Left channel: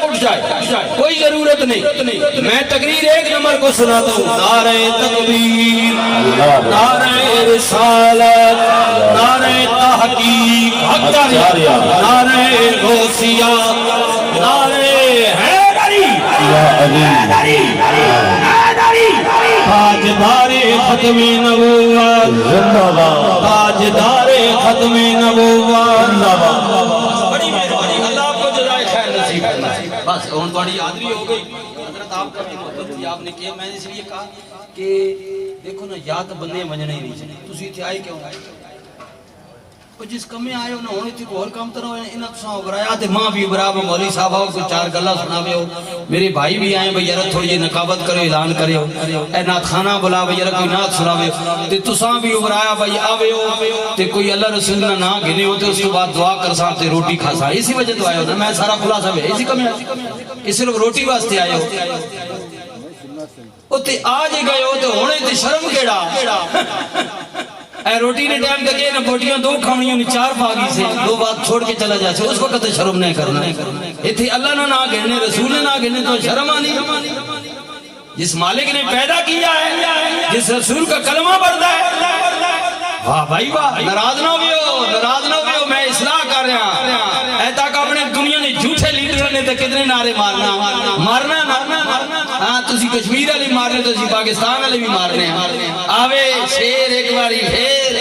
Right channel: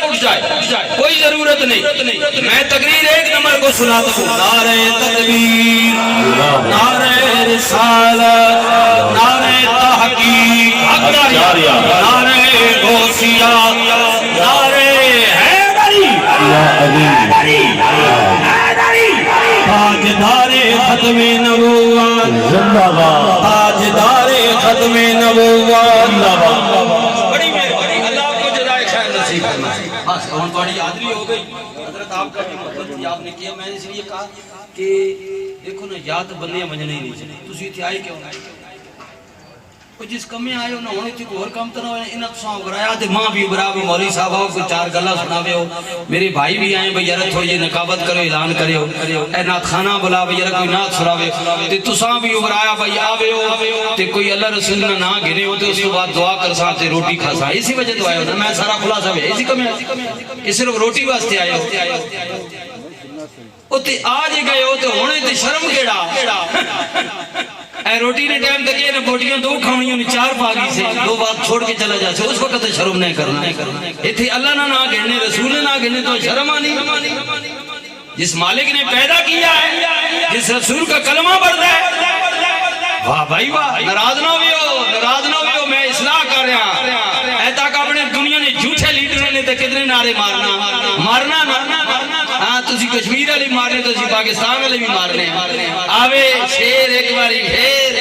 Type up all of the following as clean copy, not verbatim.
تک اٹھ جائے، کوئی ضرورت نہیں۔ میں تقریر ایک نمبر کو سناتا ہوں، نعرہ تکبیر، نعرہ رسالت، نعرہ تحقیق، نعرہ غوثیہ، نعرہ حیدری، تاجدار ختم نبوت، تاجدار ختم نبوت۔ بڑی مہربانی، اللہ آپ کو جزائے خیر نصیب فرمائے۔ بس ہن تھوڑی حاضری ہو گئی، حضرت آپ کا محبت تھی، آپ نے کیا، میں نے اس لیے کہا کہ دیکھو نا، یا تو بندے منجنے ہی نہیں چاہیے، تسی اتنے آئے کیوں؟ جس کمیں آئے ہو نہ ہونے تھی کوئی اور کام تو نہ ہونے، انہاں تساں اگرایا تے ماں بھی ابرا بھی مولوی صاحب آؤ کوئی چار گلا سناوے ہو، میرے بھائی بھی آئے بھئی یار تھوڑی یہ نقابت کرو، اعلان کرے ہو، اے نات خانہ بلا بھئی یار کوئی نات سناوے ہو، تے تساں بھی اگرایا بھئی آوے ہو تے کوئی اللہ رسول نہ نا گھنے ہو تے اس کے بعد دعا کر سا تے روٹی کھا سا، اسی وجہ تو آئے ہو، میں سارا خلاصہ ہے اسی کمی آتی، صرف روٹی واسطے آئے ہو، تے آج ہی گئے ہو تے ہونے تے شرم کیڑا، اے روٹی نے ٹائم تک یہ نہ بوٹیاں دو کھاؤنیوں نے چار پاگی سے دو بات چھوڑ کے چلا جا سے، اس وقت شرم نہیں کرنا۔ اتھے اللہ نہ نہ گھرنے، رسول نہ گھرنے تو شرم آنی۔ جس مالک نے پیدا کیا ہے، جس رسول کا کلمہ پڑھتا ہے، واہ بھائی واہ، ناراض نہ بھی ہو، ناراض نہ بھی ہو، میں اصلاح کر رہا ہوں۔ اے تاکہ اپنے دنیا نے جھوٹے لیڈر نے تے کتنے نعرے مارنا مارنا نہ، ہاں تسی کشمیر علی مارنے تو سی پاکستان علی بھی مارنے ہیں۔ آوے شیر ایک باری پھر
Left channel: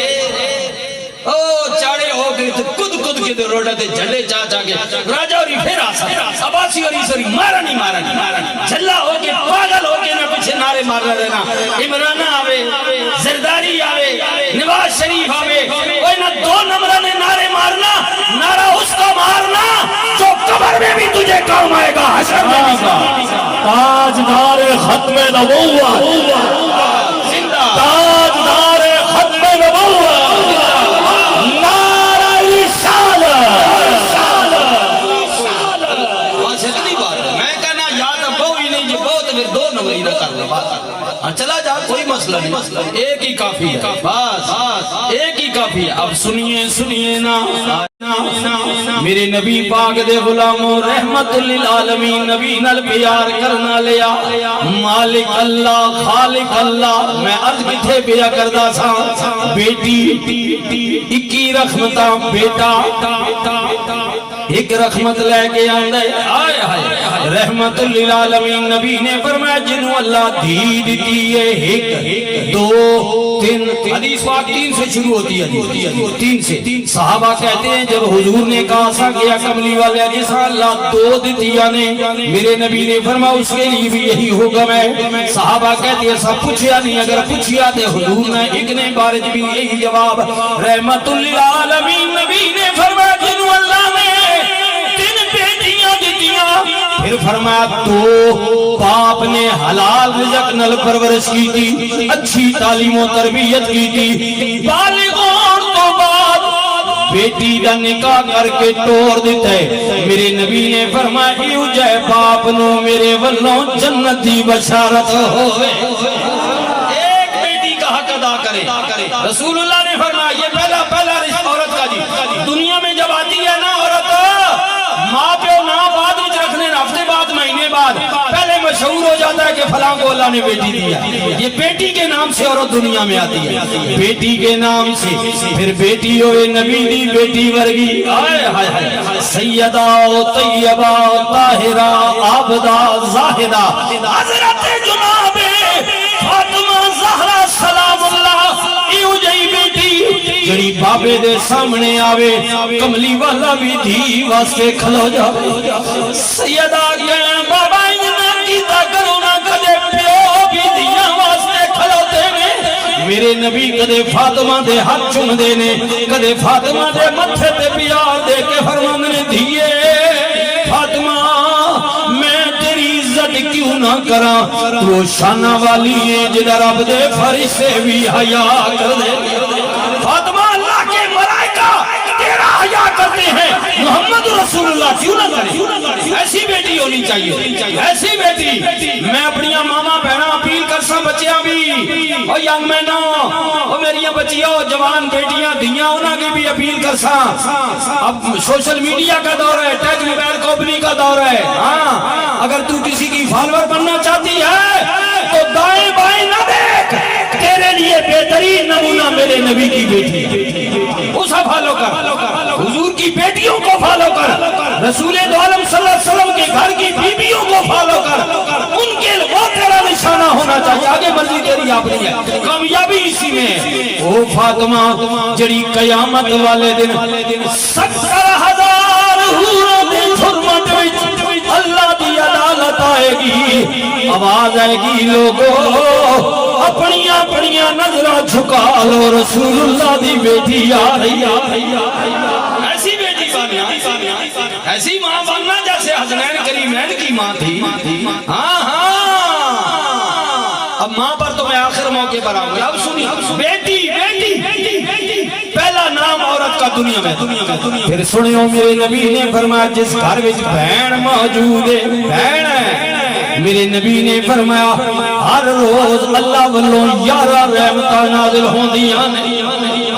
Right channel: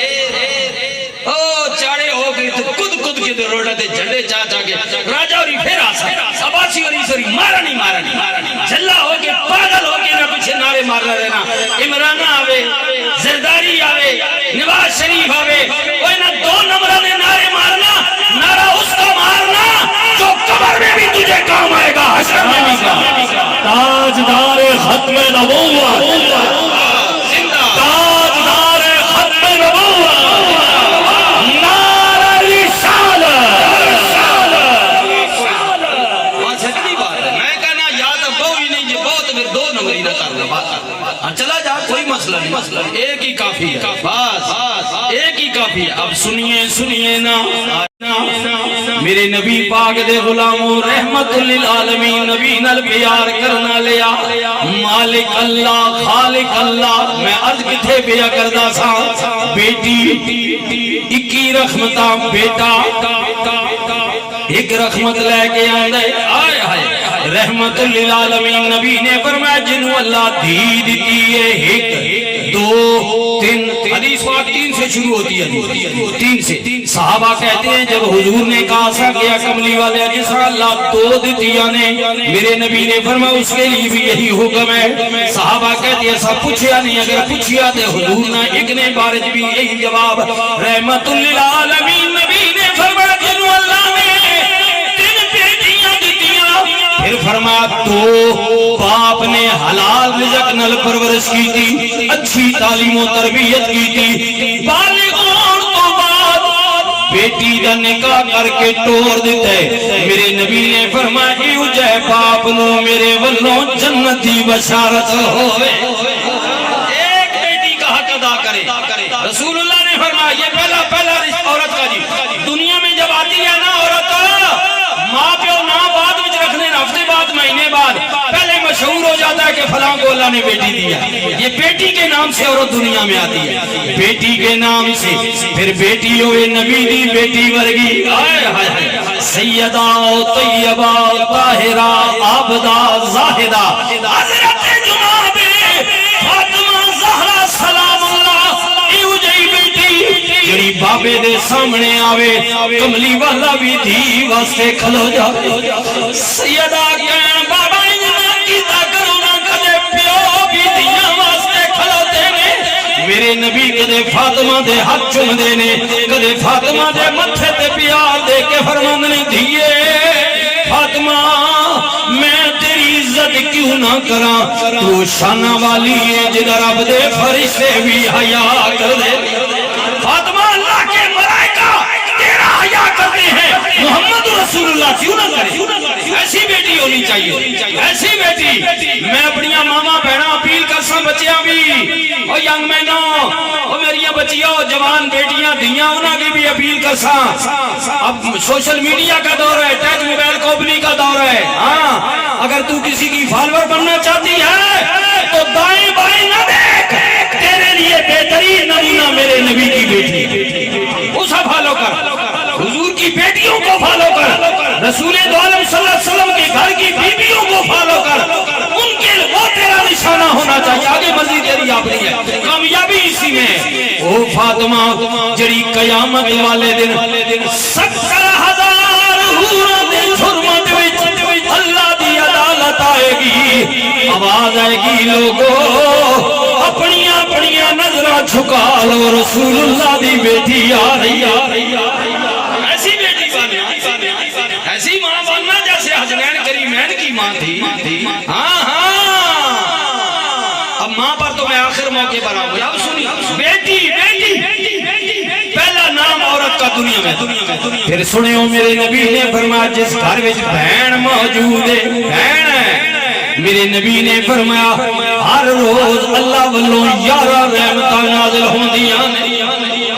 او چاڑے ہو گئے تو کد کے در روڑا تے جھنڈے چاہ کے راجہ اوری پھر آسا عباسی اوری سوری مارا نہیں جھلا ہو کے پاگل ہو کے نہ پیچھے نعرے مارنا رہنا۔ عمران آوے، زرداری آوے، نواز شریف آوے، کوئی نہ دو نمبر نے نعرے مارنا، نعرہ اس کا مارنا جو قبر میں بھی تجھے کام آئے گا، حشر میں بھی کام۔ تاجدار ختم نبوت، تاجدار ختم نبوت، نعرہ رسالت۔ ہاں سچی بات ہے، میں کہنا یاد اب کوئی نہیں، یہ بہت پھر دو نمبری نہ کرنا بات، ہاں چلا جا کوئی مسئلہ نہیں، ایک ہی کافی ہے، بس ایک ہی کافی ہے۔ اب سنیے نا میرے نبی پاک دے غلاموں، رحمت للعالمین، نبی نال پیار کرنا لیا، مالک اللہ خالق اللہ۔ میں عرض کتھے بیا کردہ سا، بیٹی 21 رحمتہ، بیٹا ایک رحمت لے کے آندے، آئے آئے رحمت للعالمین۔ نبی نے فرمایا جنہوں اللہ دھی دیتی ہے، ایک دو تین، حدیث بات 3 سے شروع ہوتی ہے، 3 سے۔ صحابہ کہتے ہیں جب حضور نے کہا سا گیا کملی والے جیسا اللہ 2 دیتیا نے، میرے نبی نے فرمایا اس کے لیے بھی یہی حکم ہے۔ صحابہ کہتے ہیں ایسا پوچھیا نہیں، اگر پوچھیا تو حضور نے ایک نے بارج بھی یہی جواب، رحمت للعالمین۔ نبی نے فرمایا جنہوں اللہ نے 3 بیٹیاں دیتیاں، پھر فرمایا 2 باپ نے حلال رزق نل پرورش کی تھی، اچھی تعلیم و تربیت کی تھی، بالغ ہون تو بعد بیٹی دا نکاح کر کے ٹور دیتا ہے۔ میرے نبی نے فرمایا ایو جائے باپ نو میرے ولوں جنت دی بشارت ہوئے۔ ایک بیٹی کا حق ادا کرے، رسول اللہ نے فرمایا یہ پہلا رزق عورت کا جی، دنیا میں جب آتی ہے نا عورت، ماں پیو ماں بعد میں رکھنے، ہفتے بعد مہینے بعد، پہلے مشہور ہو جاتا ہے کہ فلاں کو اللہ نے بیٹی دیا، یہ بیٹی کے نام سے عورت دنیا میں آتی ہے، بیٹی کے نام سے۔ پھر بیٹی ہوئے نبی دی بیٹی ورگی، آئے ہائے ہائے، سیدہ طیبہ طاہرہ عابدہ زاہدہ، حضرت جناب فاطمہ زہرا سلام اللہ، ایو جئی بیٹی جڑی بابے دے سامنے آوے، کملی والا بھی دھی واسطے کھلو جاوے۔ سیدہ کہیں بابا انہاں کیتا کرنا، کدے پیو بھی دیاں واسطے کھلوتے نے، میرے نبی کدے فاطمہ دے ہاتھ چوم دے نے، کدے فاطمہ دے متھے تے پیار دے کے فرماندے نے دھیے فاطمہ میں تیری عزت کیوں نہ کراں، تو شانہ والی ہے جدہ رب دے فرشتے بھی حیا کر دے۔ فاطمہ اللہ کے ملائکہ تیرا حیا کرتے ہیں، محمد رسول اللہ کیوں نہ کرے؟ ایسی بیٹی ہونی چاہیے، ایسی بیٹی۔ میں اپنی ماما بہنا اپیل کر سا بچیاں بھی، او ینگ مینوں، او میری بچیاں جوان بیٹیاں دیاں، انہاں کی بھی اپیل کر سا۔ اب سوشل میڈیا کا دور ہے، ٹیچ موبائل کمپنی کا دور ہے، ہاں اگر تو کسی کی فالوور بننا چاہتی ہے تو دائیں بائیں نہ دیکھ، تیرے لیے بہترین نمونہ میرے نبی کی بیٹی، اسے فالو کر، حضور کی بیٹیوں کو فالو کر، رسول دو عالم صلی اللہ علیہ وسلم کے گھر کی بیویوں کو فالو کر، ان کے وہ تیرا نشانہ ہونا چاہیے، آگے مرضی تیری اپنی ہے، کامیابی اسی میں ہے۔ او فاطمہ جری قیامت والے دن 70,000 حوروں دی خدمت وچ اللہ دی عدالت آئے گی، آواز آئے گی لوگو اپنی اپنی نظریں جھکا لو، رسول اللہ دی بیٹی آ رہی ہے۔ ایسی بیٹی بننا، ایسی ماں بننا جیسے حسنین کریمین کی ماں تھی۔ ہاں ہاں، اب ماں پر تو میں آخر موقع پر آؤں گی، اب سنی بیٹی بیٹی پہلا نام عورت کا دنیا میں۔ پھر سنیو میرے نبی نے فرمایا جس گھر وچ بہن موجود ہے، بہن ہے، میرے نبی نے فرمایا ہر روز اللہ والوں 11 رحمتاں نازل ہوندیاں نے۔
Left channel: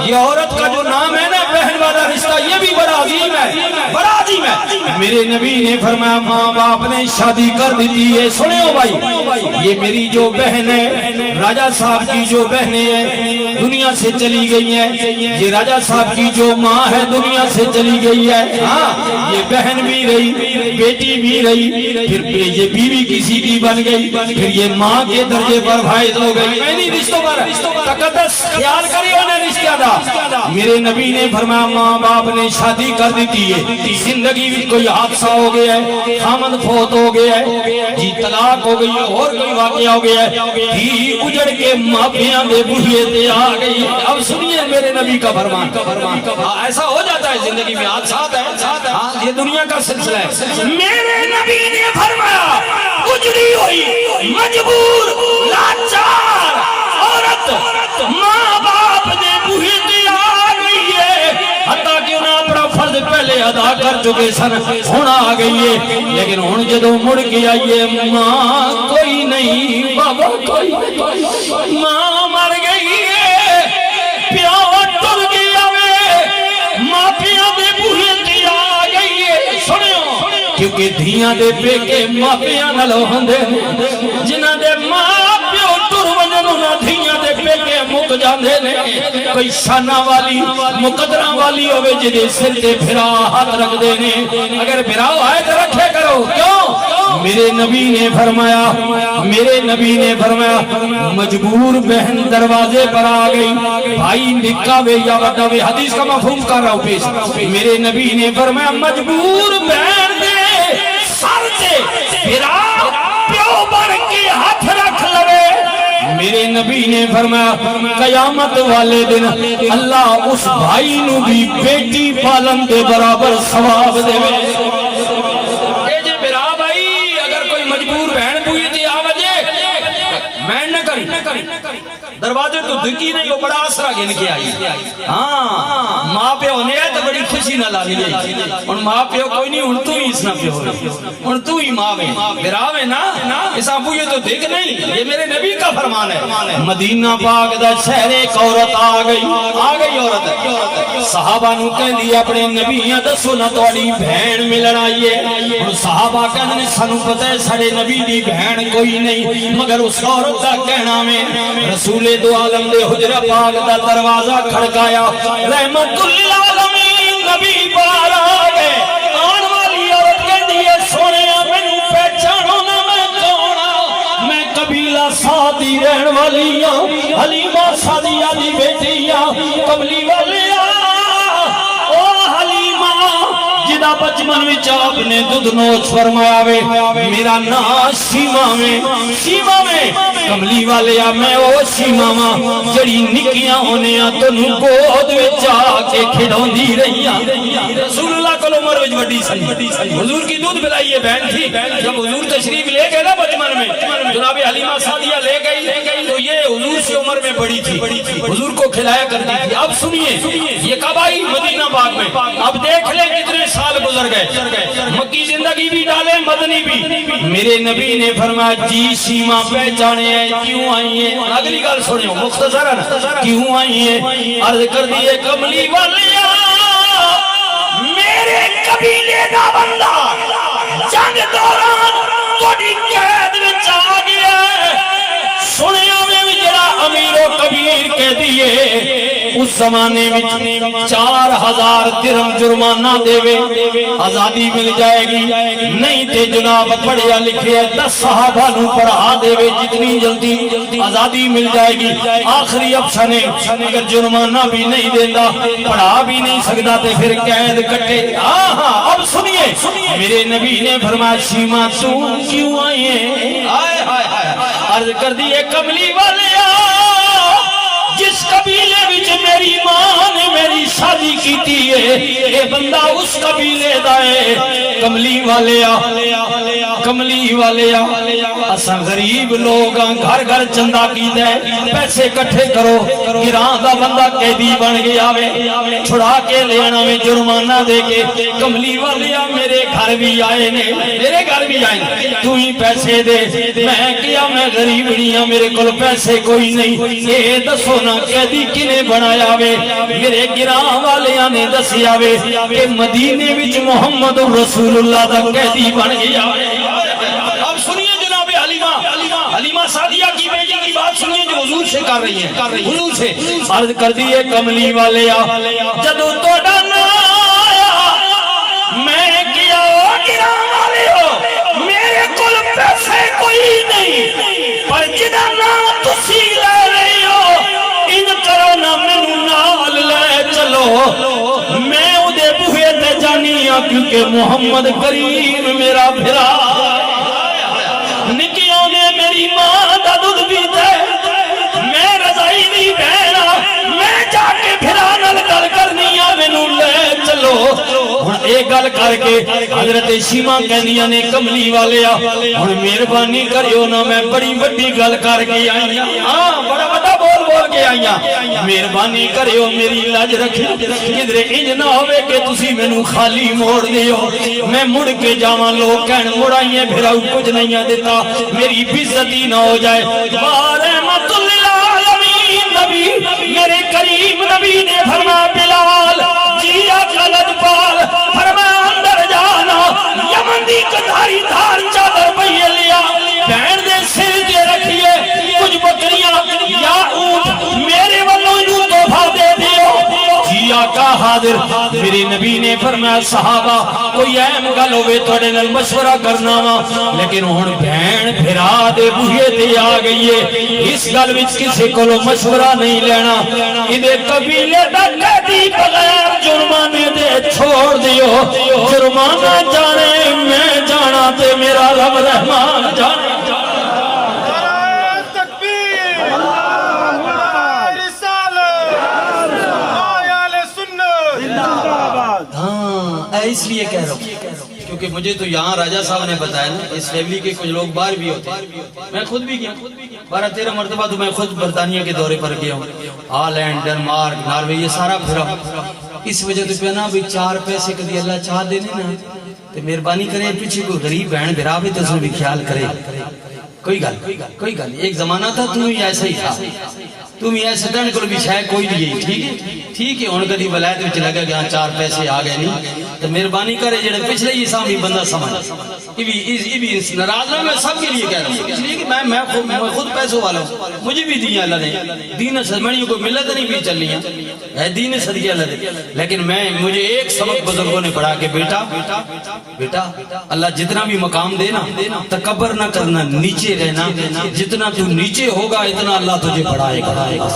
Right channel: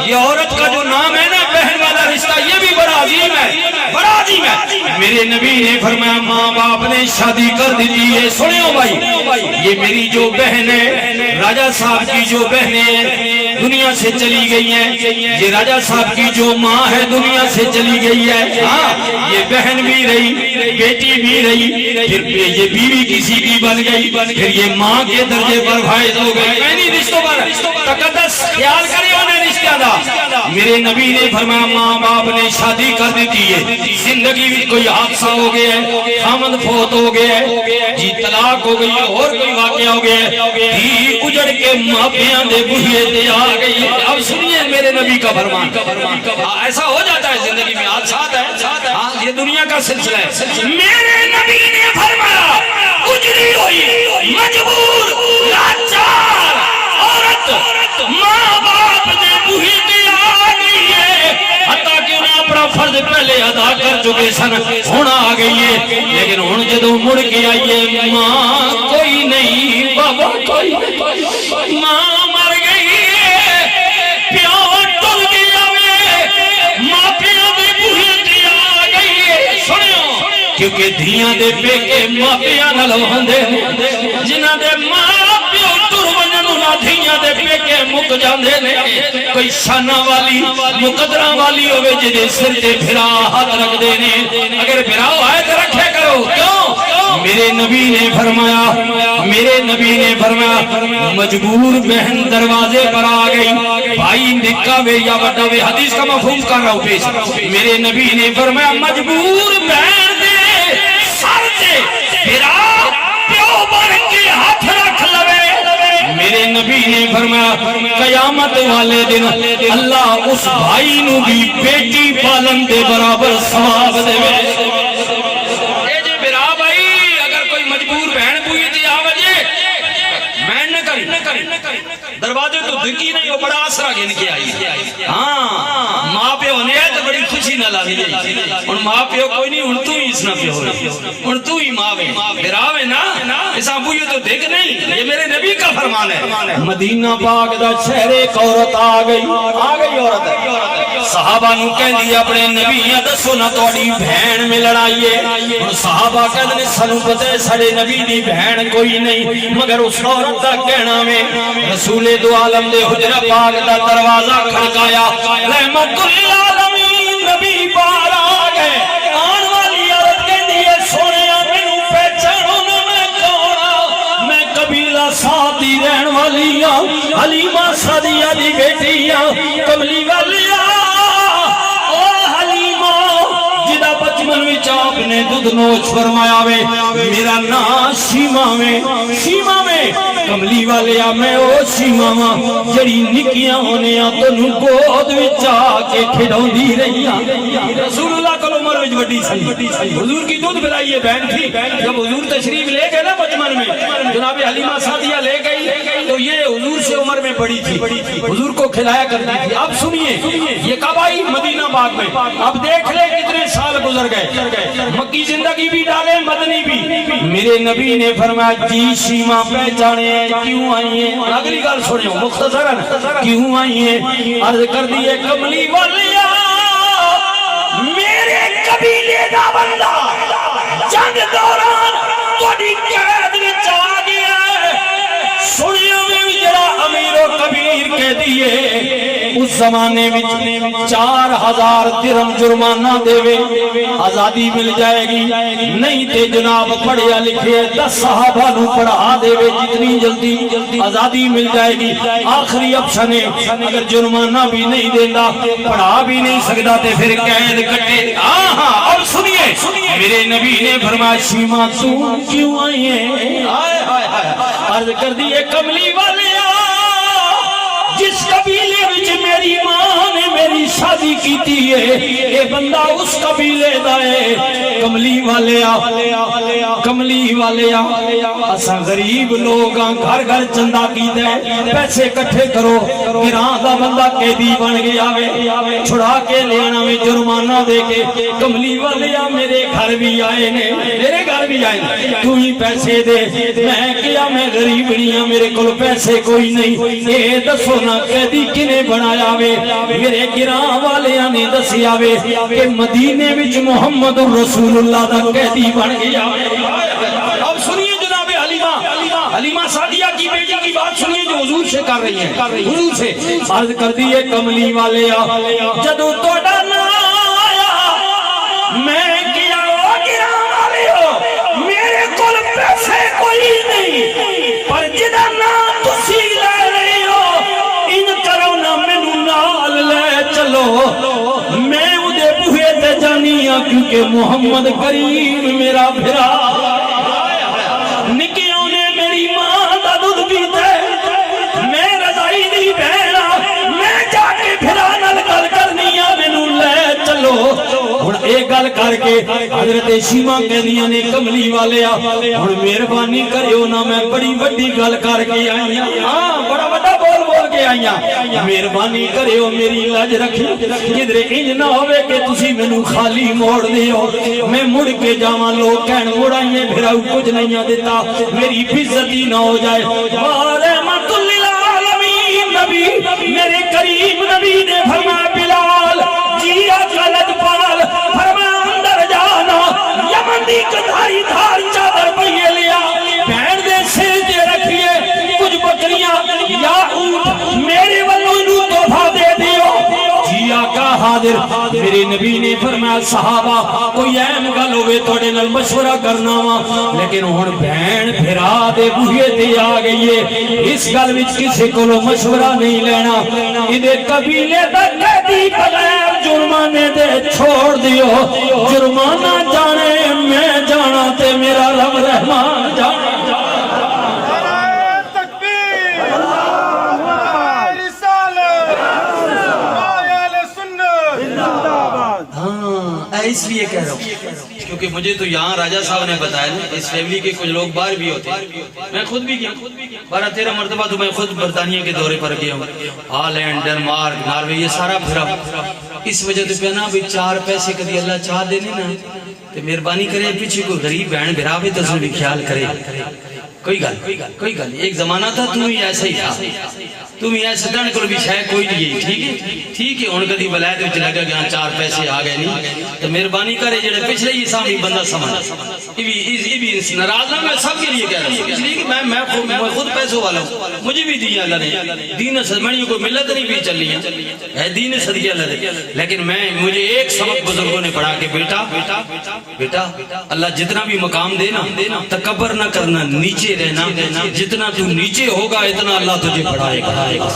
یہ عورت کا جو نام ہے نا، بہن والا رشتہ، یہ بھی بڑا عظیم ہے، بڑا عظیم ہے۔ میرے نبی نے فرمایا ماں باپ نے شادی کر دی ہے، سنیو بھائی، یہ میری جو بہن ہے، راجہ صاحب کی جو بہنیں ہیں دنیا سے چلی گئی ہیں، یہ راجہ صاحب کی جو ماں ہے دنیا سے چلی گئی ہے، ہاں یہ بہن بھی رہی، بیٹی بھی رہی، پھر یہ بیوی کسی کی بن گئی، پھر یہ ماں کے درجے پر فائز ہو گئی۔ یعنی رشتوں پر تقدس خیال کرے انہیں رشتہ دا۔ میرے نبی نے فرمایا ماں باپ نے شادی کر دی ہے، زندگی میں کوئی حادثہ ہو گیا ہے، خامد فوت ہو گیا ہے، جی طلاق ہو گئی ہے، اور کوئی واقعہ ہو گیا ہے، دھی اجڑ کے ماپیاں دے بوہے تے آ گئی ہے۔ اب سنیے میرے نبی کا فرمان، ایسا ہو جاتا ہے زندگی میں، حادثات ہے، ہاں یہ دنیا کا سلسلہ ہے۔ میرے نبی نے فرمایا اجڑی ہوئی مجبور لاچار عورت ماں باپ دے بوہے تے آ گئی ہے، حتیٰ کہ انہیں اپنا فرض پہلے ادا کر چکے سن، ہونا آ گئی ہے، لیکن ہن جدوں مڑ کے آئیے ماں کوئی نہیں، بابا کوئی نہیں، ماں مر گئی ہے، پیو ٹل گیا ہے، ماں پیو دے بوہے تے آ گئی ہے۔ سنو کیونکہ دھیاں دے پیکے ماں پیو نال ہوندے نے، جنہاں دے ماں پیو ٹر ونجن انہاں دھیاں دے پیکے مک جاندے نے۔ کوئی شانہ والی مقدرہ والی ہوئے جدے سر تے بھرا ہاتھ رکھ دے نے، اگر بھرا آئے تو رکھے کرو، کیوں؟ میرے نبی نے فرمایا، میرے نبی نے فرمایا مجبور بہن دروازے پر آ گئی، بھائی نکا وے یا بڑا وے، حدیث کا مفہوم کر رہا ہوں پیش۔ میرے نبی نے فرمایا مجبور بہن دے سر تے بھرا پیو بن کے ہاتھ رکھ لوے۔ میرے نبی نے فرمایا قیامت والے دن اللہ اس بھائی نو بھی بیٹی پالن دے برابر ثواب دے۔ اے جے میرا بھائی اگر کوئی مجبور بہن بوئی تے آ وجے بہن نہ کری، دروازے تو دھکی نہیں، وہ بڑا آسرا گن کے آئی۔ ہاں ماں پیو نے تو بڑی خوشی نہ لا دی، ہن ماں پیو کوئی نہیں، ہن تو ہی اس نہ پیو ہوئے، ہن تو ہی ماں وے، میرا وے نا، اس ابو یہ تو دیکھ نہیں، یہ میرے نبی کا فرمان ہے۔ مدینہ پاک دا شہر ایک عورت آ گئی عورت، صحابہ نو کہندی اپنے نبی دسو نہ تہاڈی بہن ملن آئی ہے۔ ہن صحابہ کہندے سانو پتہ ہے ساڈے نبی دی بہن کوئی نہیں، مگر اس عورت دا کہنا میں رسول دو عالم دے حجرہ پاک دا دروازہ کھڑکایا، رحمت للعالمین نبی پار آ گئے۔ آن والی عورت کہندی ہے سونیا مینوں پہچانو نہ میں کون ہاں، میں قبیلہ سعدی رہن والی ہاں، حلیمہ سعدیہ دی بیٹی ہاں، کملی والی او حلیمہ جدا بچپن وچ آپ نے دودھ نوش فرمایا وے، میرا نام شیما میں، شیما میں کملی والے میں او شیما ماں جڑی نکیاں ہونے تو گود وچ آ کے کھڑوندی رہی۔ رسول اللہ کو عمر وچ وڈی سی، حضور کی دودھ پلائیے بہن تھی، جب حضور تشریف لے گئے نا بچپن میں جناب حلیمہ سعدیہ لے گئی تو یہ حضور سے عمر میں بڑی تھی، حضور کو کھلایا کرتی تھی۔ اب سنیے یہ کب آئی؟ مدینہ پاک میں۔ اب دیکھ لیں کتنے سال گزر گئے، مکی زندگی بھی ڈالے مدنی بھی۔ میرے نبی نے فرمایا جی شیما پہچانے ہیں، کیوں آئی ہیں؟ اگلی گل سنو مختصراً، کیوں آئی ہیں؟ عرض کر دیے کملی والیا میرے قبیلے دا بندہ جنگ دوران دی قید وچ آ گیا سنیا میں جڑا امیر و کبیر کے دیے اس زمانے میں 4000 درہم جرمانہ دے آزادی مل جائے گی نہیں تے جناب پڑھیا لکھے 10 صحابہ نو پڑھا دے جتنی جلدی آزادی مل جائے گی آخری آپشن ہے اگر جرمانہ بھی نہیں دیتا پڑھا بھی نہیں سکتا تے پھر قید کٹے اب سنیے میرے نبی نے فرمایا شیما تو کیوں آئی ہے عرض کر دیے کملی والے جس قبیلے وچ میری ماں نے میری شادی کیتی ہے یہ بندہ اس قبیلے دا ہے کملی والے اساں غریب لوگ ہاں گھر گھر چندہ کیتا ہے پیسے اکٹھے کرو گراں دا بندہ قیدی بن گیا وے چھڑا کے لے آنا میں جرمانہ دے کے کملی والے میرے گھر بھی آئے نے تو ہی پیسے دے میں کیا میں غریب نہیں ہاں میرے کول پیسے کوئی نہیں اے دسو نا قیدی کنے بنایا وے میرے گراں والیاں نے دسیا وے کہ مدینے وچ محمد رسول اللہ دا قیدی بن گیا وے اب سنیے جناب حلیمہ سعدیہ کی بیٹی کی بات سنیے جو حضور سے کر رہی ہیں حضور سے عرض کر دیے کملی والے جدو توڑا نا آیا میں کیا گراں والے ہو میرے کول پیسے کوئی نہیں پر جدا نا تسی لے رہے ہو ان کرو نا مینوں نال لے چلو میں اودے بوہے تے جانی ہاں کیونکہ محمد کریم میرا بھرا نکیوں نے میری ماں دا دودھ پیتا ہے میں رضائی نہیں بہنا میں جا کے بھرا نال گل کرنی ہاں مینوں لے چلو ہن اے گل کر کے حضرت شیما کہندیاں نے کملی والے ہن مہربانی کریو نا میں بڑی بڑی گل کر کے آئی ہاں بڑا بڑا بول کے آئیاں مہربانی کریو میری لاج رکھی کدھر انج نہ ہوئے کہ تسی مینوں خالی موڑ دیو میں مڑ کے جاواں لوگ کہن مڑائیے بھرا کچھ نہیں دیتا میری عزتی نہ ہو جائے رحمت للعالمین نبی میرے کریم نبی نے فرمایا بلال جی آقا لجپال فرمایا اندر جانا یمن دی کدھاری دھار چادر پہیے لیا بہن دے سر دے رکھیے کچھ بکریاں یا اونٹ میرے والوں جو تحفہ دے دیو جی آقا حاضر میرے نبی نے فرمایا صحابہ کوئی اہم گل ہوئے توڑے نال مشورہ کرنا وا لیکن ہن بہن بھرا دے بوہے تے آ گئی ہے اس گل وچ کسی کولو مشورہ نہیں لینا ایدے قبیلے دا قیدی بغیر جرمانے دے چھوڑ دیو جرمانہ جانے میں جانا تے میرا رب رحمان جانا اس لیے کہہ رہا ہوں کیونکہ مجھے تو یہاں راجہ صاحب نے بتایا نا اس فیملی کے کچھ لوگ باہر بھی ہوتے ہیں میں خود بھی گیا 12-13 مرتبہ تو میں خود برطانیہ کے دورے پر گیا ہوں ہالینڈ ڈنمارک ناروے یہ سارا پھرا اس وجہ تو پہنا بھی 4 پیسے کدی اللہ چاہ دینے نا تو مہربانی کرے پیچھے کوئی غریب بہن بھرا بھی تو بھی خیال کرے کوئی گل ایک زمانہ تھا تم ہی ایسا ہی تھا تم ہی ایسے دن کو بھی شاید کوئی نہیں ٹھیک ہے ان کدی ولایت وچ لگا گیا 4 پیسے آ گئے نہیں تو مہربانی کرے جڑے پچھلے ہی سامنے بندہ سمجھ یہ بھی ناراض نہ میں سب کے لیے کہہ رہا ہوں اس لیے کہ میں خود پیسوں والا ہوں مجھے بھی دیا اللہ نے دین سمجھنی کوئی ملت نہیں بھی چل رہی ہے دین صدقے اللہ نے لیکن مجھے ایک سبق بزرگوں نے پڑھا کہ بیٹا اللہ جتنا بھی مقام دینا تکبر نہ کرنا نیچے رہنا جتنا تو نیچے ہوگا اتنا اللہ تجھے بڑھائے گا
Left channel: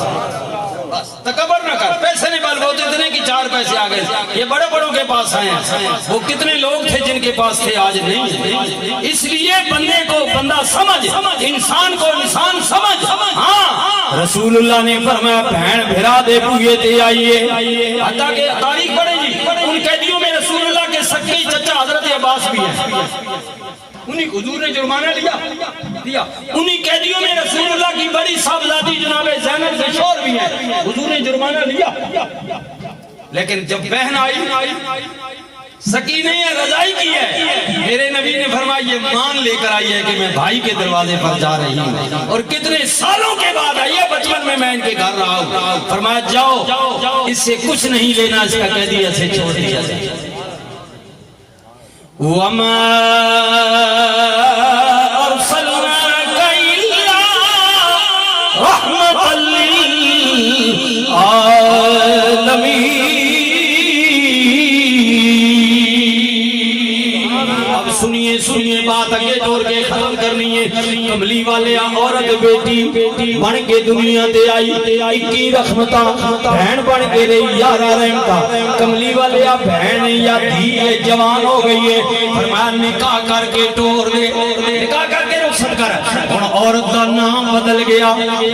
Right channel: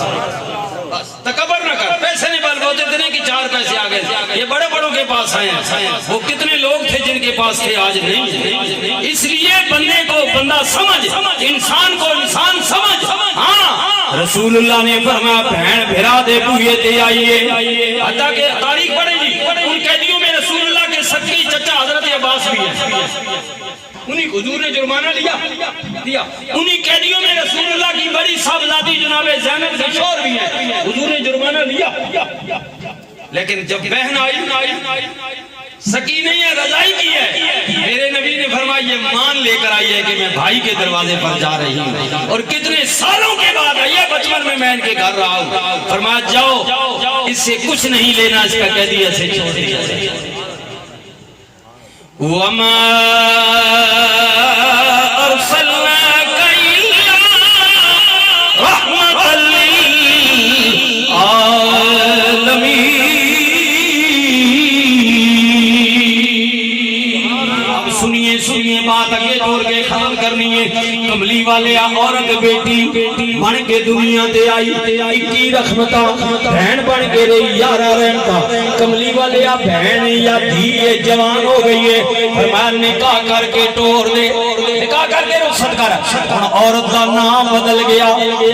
تکبر نہ کر پیسے نہیں بال بہت اتنے کی 4 پیسے آ گئے یہ بڑے بڑوں کے پاس آئے ہیں وہ کتنے لوگ تھے جن کے پاس تھے آج نہیں اس لیے بندے کو بندہ سمجھ انسان کو انسان سمجھ ہاں رسول اللہ نے فرمایا بہن بھرا دے بوئے تے آئیے حتیٰ کہ تاریخ پڑھے گی ان قیدیوں میں رسول اللہ کے سکی چچا حضرت عباس بھی ہیں انہیں حضور نے جرمانہ لیا انہیں قیدیوں میں رسول اللہ کی بڑی صاحبزادی جناب زینب کے شور بھی ہیں حضور نے جرمانہ لیا لیکن جب بہن آئی سکی نہیں ہے رضائی کی ہے میرے نبی نے فرمایا یہ مان لے کر آئی ہے کہ میں بھائی کے دروازے پر جا رہی ہوں اور کتنے سالوں کے بعد آئی ہے بچپن میں ان کے گھر رہا ہوں فرمایا جاؤ اس سے کچھ نہیں لینا اس کا قیدی ایسے چھوڑ دیا وما سنیے بات اگے ٹور کے ختم کرنی ہے. کملی والے عورت بیٹی بن کے دنیا تے آئی, 21 رحمتاں بہن بن کے رہی, 11 رحمتاں. کملی والے بہن یا دھی جوان ہو گئی ہے, فرمایا نکاح کر کے ٹور دے, نکاح کر کے رخصت کر. ہن عورت کا نام بدل گیا,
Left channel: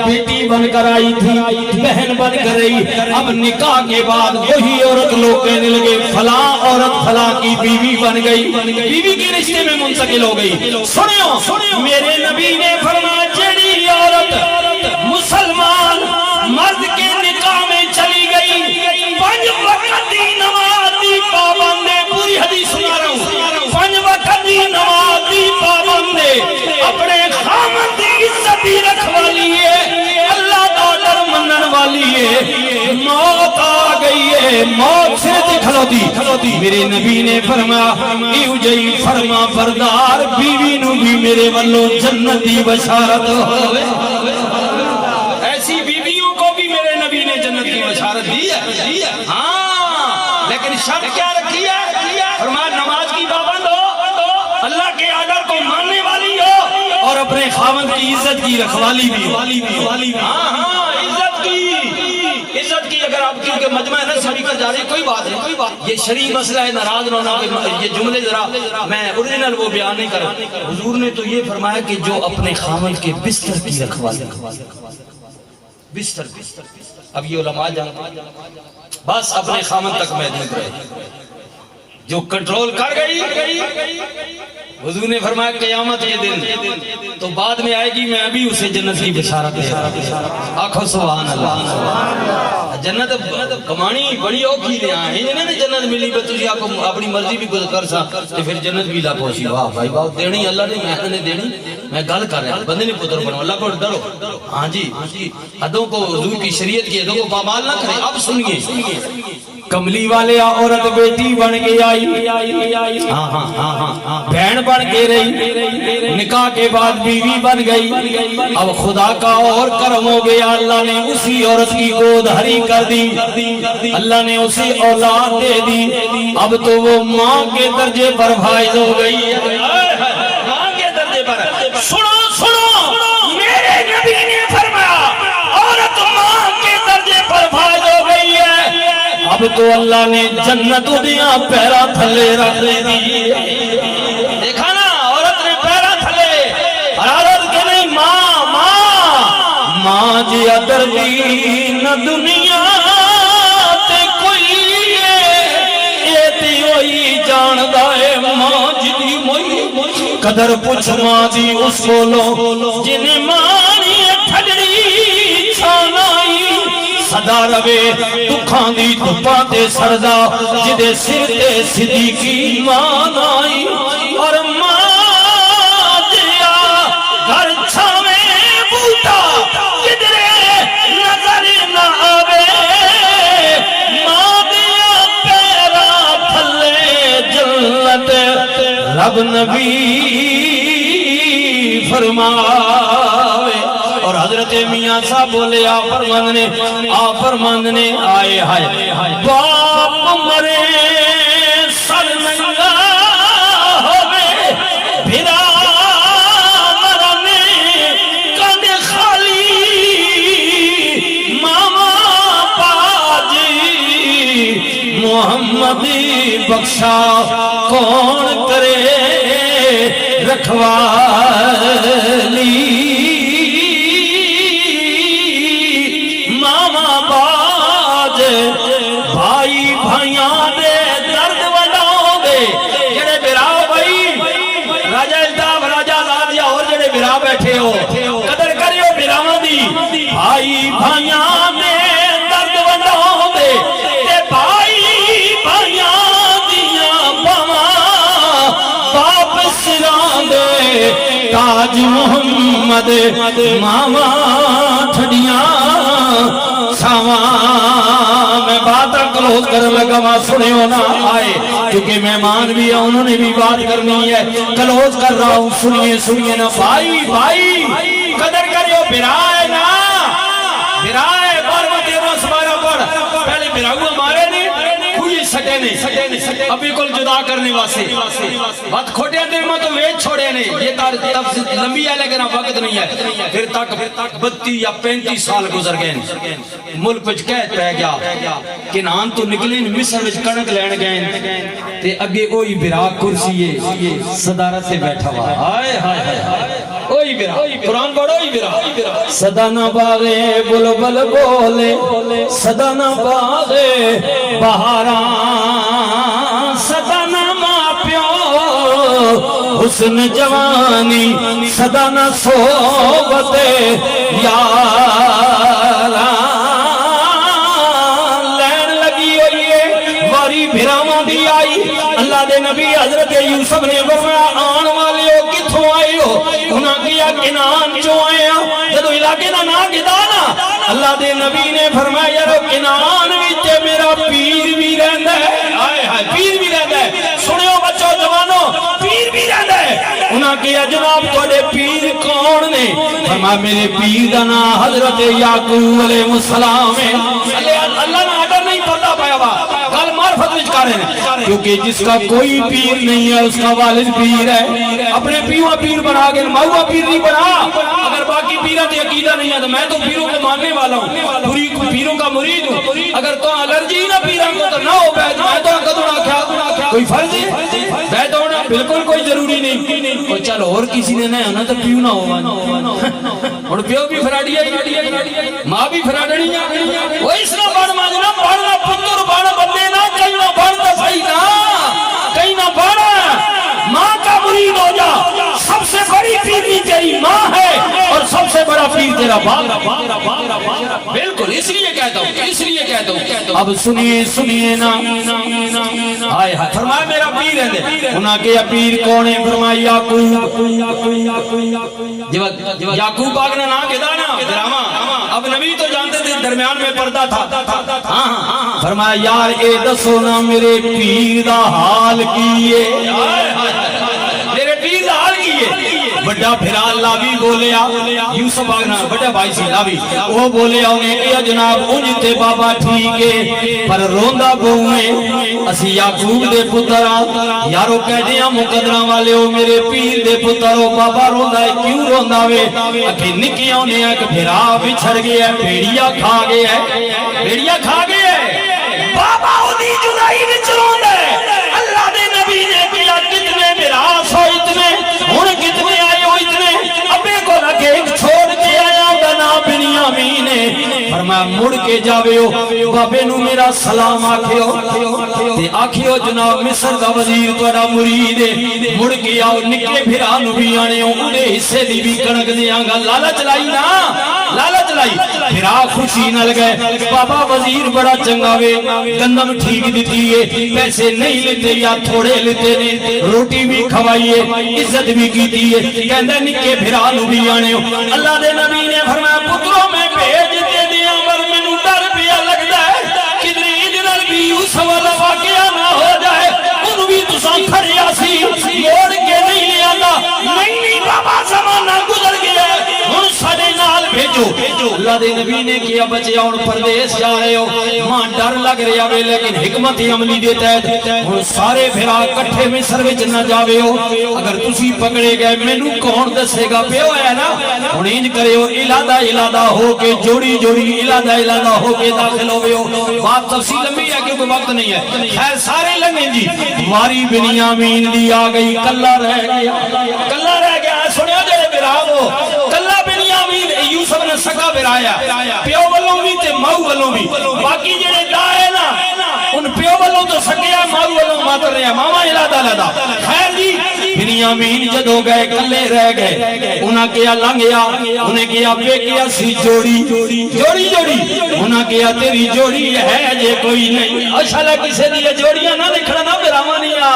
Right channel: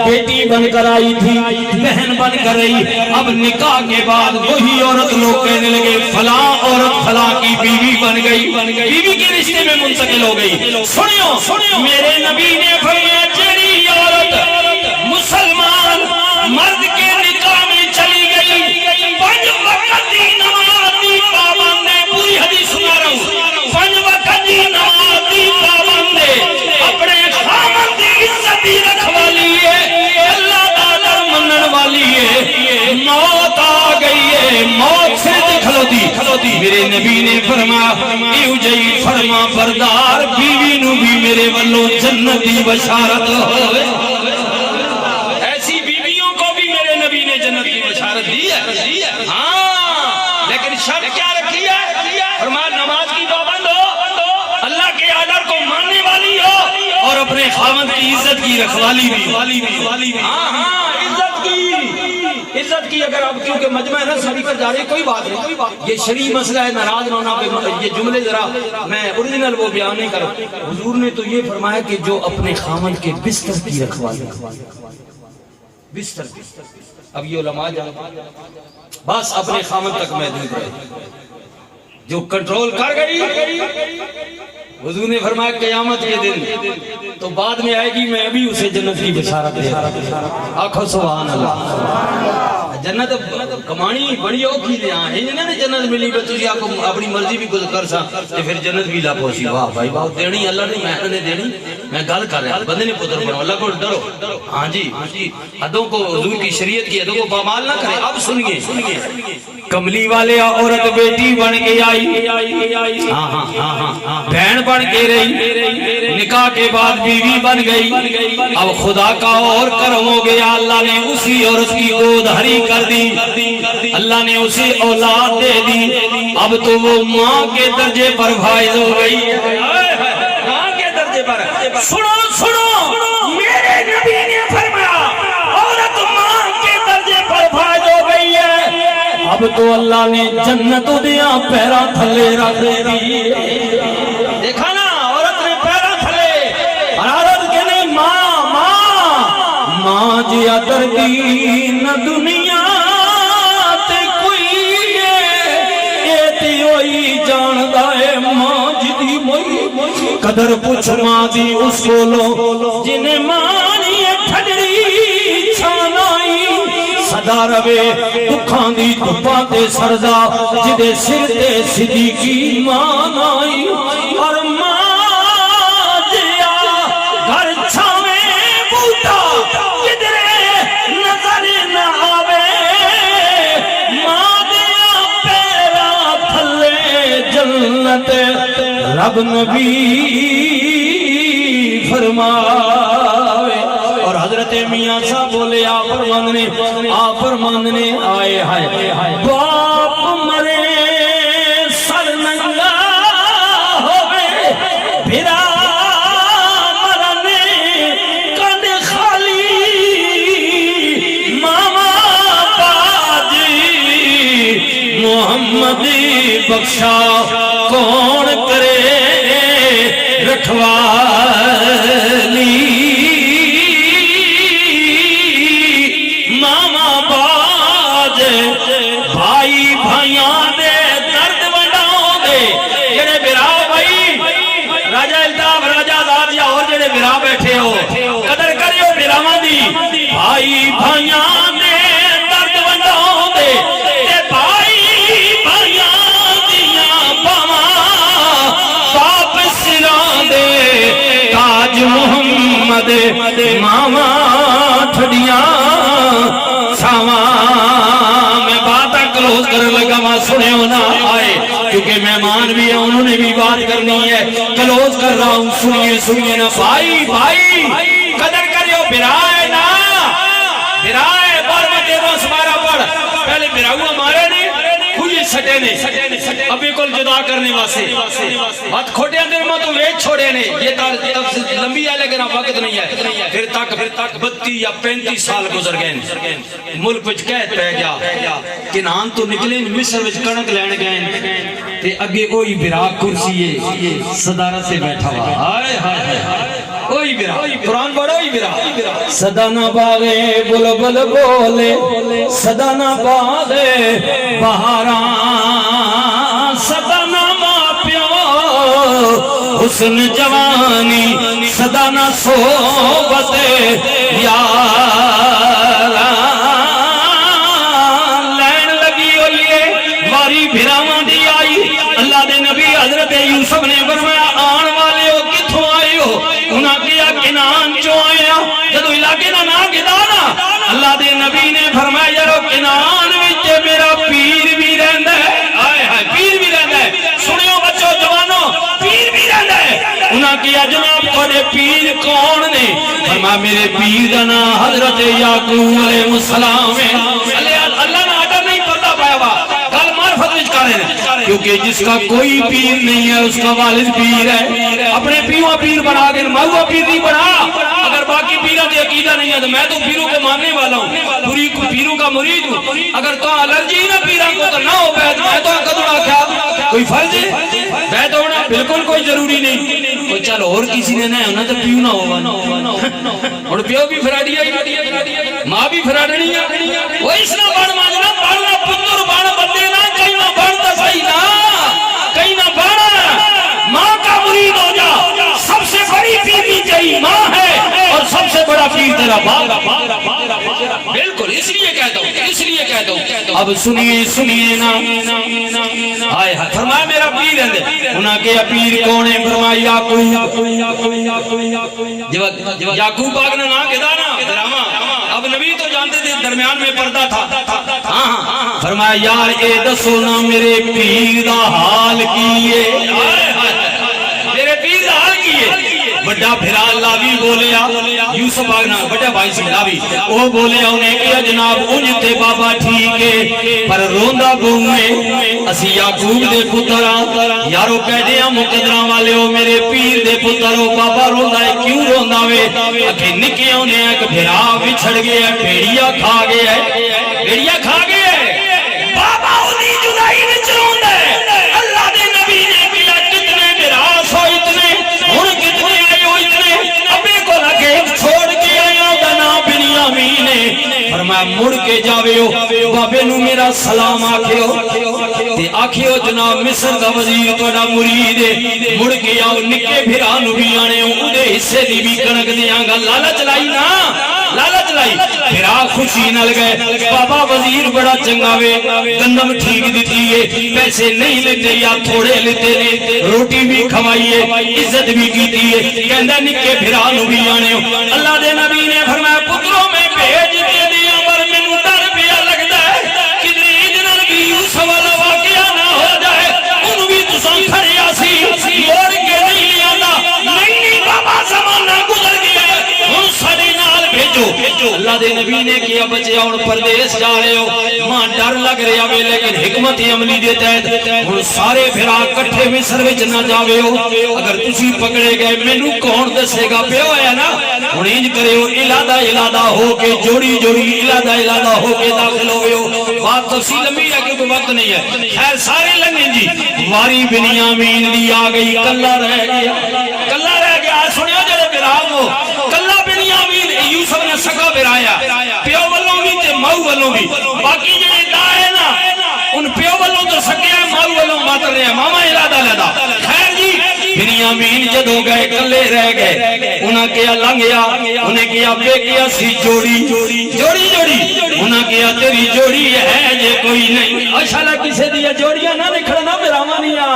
بیٹی بن کر آئی تھی, بہن بن کر رہی. اب نکاح کے بعد وہی عورت لوگ کہنے لگے فلاں عورت فلاں کی بیوی بن گئی, بیوی کے رشتے میں منتقل ہو گئی. سنو میرے نبی نے فرمایا جیڑی عورت مسلمان مرد کے نکاح میں چلی گئی, 5 وقت کی نماز دی پابند ہے, پوری حدیث سنا رہا ہوں, 5 وقت کی نماز دی پابند ہے, اپنے خامد کی عزت ہی رکھوالی ہے, اللہ کا ڈر منن والی ہے. موت آ گئی ہے, موت سے کھلوتی. میرے نبی نے فرمایا ایو جئی فرما بردار بیوی نو بھی میرے والوں جنت دی بشارت. ایسی بیویوں کو بھی میرے نبی نے جنت کی بشارت دی ہے. ہاں لیکن شرط کیا رکھی ہے؟ فرمایا نماز کی پابند ہو, اللہ کے آرڈر کو ماننے والی ہو, اور اپنے خاوند کی عزت کی رکھوالی بھی ہو. ہاں عزت کی. اگر آپ کیونکہ مجمع ہے نا سبھی کا جاری کوئی بات نہیں, یہ شرعی مسئلہ ہے, ناراض نہ ہونا. یہ جملے ذرا میں اوریجنل وہ بیان نہیں کر رہا. حضور نے تو یہ فرمایا کہ جو اپنے خاوند کے بستر کی رکھوالی, بستر. اب یہ علماء جانتے بس اپنے خاوند تک محدود رہے, جو کنٹرول کر گئی. حضور نے فرمایا قیامت کے دن تو بعد میں آئے گی, میں ابھی اسے جنت کی بشارت دے رہا ہوں. آنکھوں سبحان اللہ. جنت کمانی بڑی اوکھی لے آئے ہیں جنہیں جنت ملی بے تجھے آپ کو اپنی مرضی بھی کچھ کر سا تو پھر جنت بھی لا پوسی. واہ بھائی واہ, دینی اللہ نے میں نے دینی, میں گل کر رہا ہوں, بندے نے پتر بناؤ, اللہ کو ڈرو. ہاں جی حدوں کو حضور کی شریعت کی حدوں کو پامال نہ کرے. اب سنیے کملی والے عورت بیٹی بن کے آئی, بہن بن کے رہی, نکاح کے بعد بیوی بن گئی. اب خدا کا اور کرم ہو گیا, اللہ نے اسی عورت کی گود ہری کر دی, اللہ نے اسے اولاد دے دی. اب تو وہ ماں کے درجے پر فائز ہو گئی, ماں کے درجے پر. سنو میرے نبی نے فرمایا عورت ماں کے درجے پر فائز ہو گئی ہے. اب تو اللہ نے جنت دیا پیرا تھلے رکھ دی. دیکھا نا عورت نے پیرا تھلے, اور عورت کے نہیں ماں جی دردی نہ دنیا تے کوئی, اے تے ہوئی جاندہ ہے ماں جی دی موئی. قدر پوچھ ماں دی اس کو لو جنہیں مانی ٹھڑی چھانائی, صدا روے دکھاں دی دکھاں تے سرزا جدے سر تے صدیقی مان آئی. اور ماں جیا گھر چھاویں بوٹا کدرے نظر نہ آوے, ماں دیا پیرا تھلے جنت رب نبی فرماوے. اور حضرت میاں صاحب بولے آپ فرماندنے آئے ہائے باپ مرے سر ننگا ہوئے, بھرا مرنے کن خالی, ماما باجی محمد بخشا کون کرے رکھوالی. بھائی بھائیاں دے درد وڈاؤں دے, جڑے براؤ بھائی راجہ التاف راجہ دادیا اور جڑے برا بیٹھے ہو قدر کریو براواں دی. بھائی بھائیاں دے درد وڈاؤں دے, تے بھائی بھائیاں دیاں باواں باپ سراں دے, تاج محمد ماواں ٹھڑیاں ساواں. بات کلوز کرنے لگا وہاں سنے ہونا آئے کیونکہ مہمان بھی ہے, انہوں نے بھی بات کرنی ہے. کلوز کر رہا ہوں, سنیے نا بھائی قدر کریو, برائے نا برائے بار بٹے دو سمارا پڑھ, پہلے براؤ ہمارے نہیں کوئی سٹے نے ابھی کل جدا کرنے واسے بات کھوٹے دیر میں تو ویچ چھوڑے نے یہ تفصیل لمبی ہے لیکن وقت نہیں ہے پھر تک 32 یا 35 سال گزر گئے ملک وچ قحط پہ گیا کنعان تو نکلے مصر وچ کڑک لین گئے تے اگے اوہی برا کرسی ہے صدارت سے بیٹھا ہوا ہائے ہائے ہائے اوہی برا قرآن پڑھو ہی برا صدا نہ باغے بلبل بولے صدا نہ باغے بہاراں صدا نہ ماں پیو حسن جوانی صدا نہ صحبت یاراں لین لگی ہوئی ہے باری بھراواں دی آئی اللہ دے نبی حضرت یوسف نے فرمایا آن والے ہو کتھوں آئے ہو انہاں کیا کنعان چوں آئے ہو جدو علاقے دا نام گدا نا اللہ دے نبی نے فرمایا یارو کنعان وچ میرا پیر بھی رہندا ہے ہائے ہائے پیر بھی رہندا ہے سنو بچو جوانو پیر بھی رہندا ہے انہاں کیا جناب تھوڑے پیر کون نے فرمایا میرے پیر دا نام حضرت یعقوب علیہ السلام ہے اللہ نے آڈر نہیں پڑھتا پایا با گل معرفت وچ کر رہے ہیں کیونکہ جس کا کوئی پیر نہیں ہے اس کا والد پیر ہے اپنے پیروں پیر بنا کے ماؤں پیر نہیں بنا اگر باقی پیروں کی عقیدہ نہیں ہے تو میں تو پیروں کو ماننے والا ہوں پوری پیروں کا مرید ہوں اگر تو الرجی نہ پیروں کو تو نہ ہو بیت میں تو کدوڑا کیا کوئی فرض ہے بیت ہونا بالکل کوئی ضروری نہیں تو چل اور کسی نے نہیں ہونا تو پیو نہ ہوا اور پیو بھی فراڈیا ماں بھی فراڈنی ہے وہ اس نہ بڑھ مانجنا پڑھنا پتر بڑھ بندے نہ کہیں نہ بڑھتا صحیح نہ کہیں نہ بڑھا ماں کا مرید ہو جا سب سے بڑی پیری تیری ماں ہے اور سب سے بڑا پیر تیرا باپ بالکل اس لیے کہتا ہوں اب سنیے نا آئے فرمایا میرا پیر ہے انہاں کے پیر کون ہے فرمایا یعقوب پاک نے نام کہا نا دراما اب نبی تو جانتے تھے درمیان میں پردہ تھا فرمایا یار اے دسو نا میرے پیر دا حال کیے میرے پیر دا حال کیے بڑا بھرا لاوی بولیا یوسف آگنا بڑا بھائی سے لاوی وہ بولیا انہیں کیا جناب انجھتے بابا ٹھیک ہے پر روندہ بہویں اسی یعقوب دے پترہ یارو کہہ دیا مقدرہ والے ہو میرے پیر دے پترہ بابا روندہ ہے کیوں روندہ وے اکھے نکے انہیں ایک بھرا بچھڑ گیا ہے پیڑیا کھا گیا ہے بابا انہیں جدائی بچ روندہ ہے اللہ دے نبی نے کیا کتنے بھرا سو اتنے انہیں کتنے آئے ہو اتنے ابے کو لگے ایک چھوڑ کے آیا بنا بنیامین فرمایا مڑ کے جاوے ہو بابے نو میرا سلام آکھے ہو تے آکھے ہو جناب مصر دا وزیر توڑا مرید ہے مڑ کے آؤ نکے بھرا نو بھی آنے ہو اُدے حصے دی بھی کنک دے آنگا لالچ لائی نا لالچ لائی بھرا خوشی نل گئے بابا وزیر بڑا چنگا وے گندم ٹھیک دیتی ہے پیسے نہیں لیتے یا تھوڑے لیتے نے روٹی بھی کھوائیے عزت بھی کیتی ہے کہندہ نکے بھرا نو بھی آنے ہو اللہ دے نبی نے فرمایا پتروں میں بھیج دے دیا ور منو ڈر پیا لگتا ہے کدھر عید نال بھی اس والا واقعہ نہ ہو جائے ان بھی تسان کھڑے آسی موڑ کے نہیں لے آتا نہیں بابا زمانہ گزر گیا ہن سارے نال بھیجو اللہ دے نبی نے کیا بچے ہن پردیس جا رہے ہو ماں ڈر لگ رہا وے لیکن حکمت عملی دے تحت ہن سارے بھرا کٹھے مصر وچ نہ جاوے ہو اگر تسی پکڑے گئے مینوں کون دسے گا پیو ہے نا ہن انج کریو الادہ ہو کے جوڑی الادہ ہو کے داخل ہوئے ہو بات تفصیل لمبی ہے کیونکہ وقت نہیں ہے خیر سارے لنگیں جی واری بنیامین دی آ گئی کلا رہ گیا سنیا جڑے بھرا ہو کلا بنیامین یوسف نے سکا بھرایا پیو والوں بھی تے ماؤ والوں بھی باقی جڑے دائے نا ان پیو والوں تو سکیا ماؤ والوں ماتر رہے ہیں ماما الادہ خیر جی بنیامین جدو گئے کلے رہ گئے انہاں کیا لنگیا انہیں کیا بے کیا سی جوڑی انہاں کیا تیری جوڑی ہے یہ کوئی نہیں اشارہ کسے دیا جوڑیاں نہ نکھڑا نہ میرامانیاں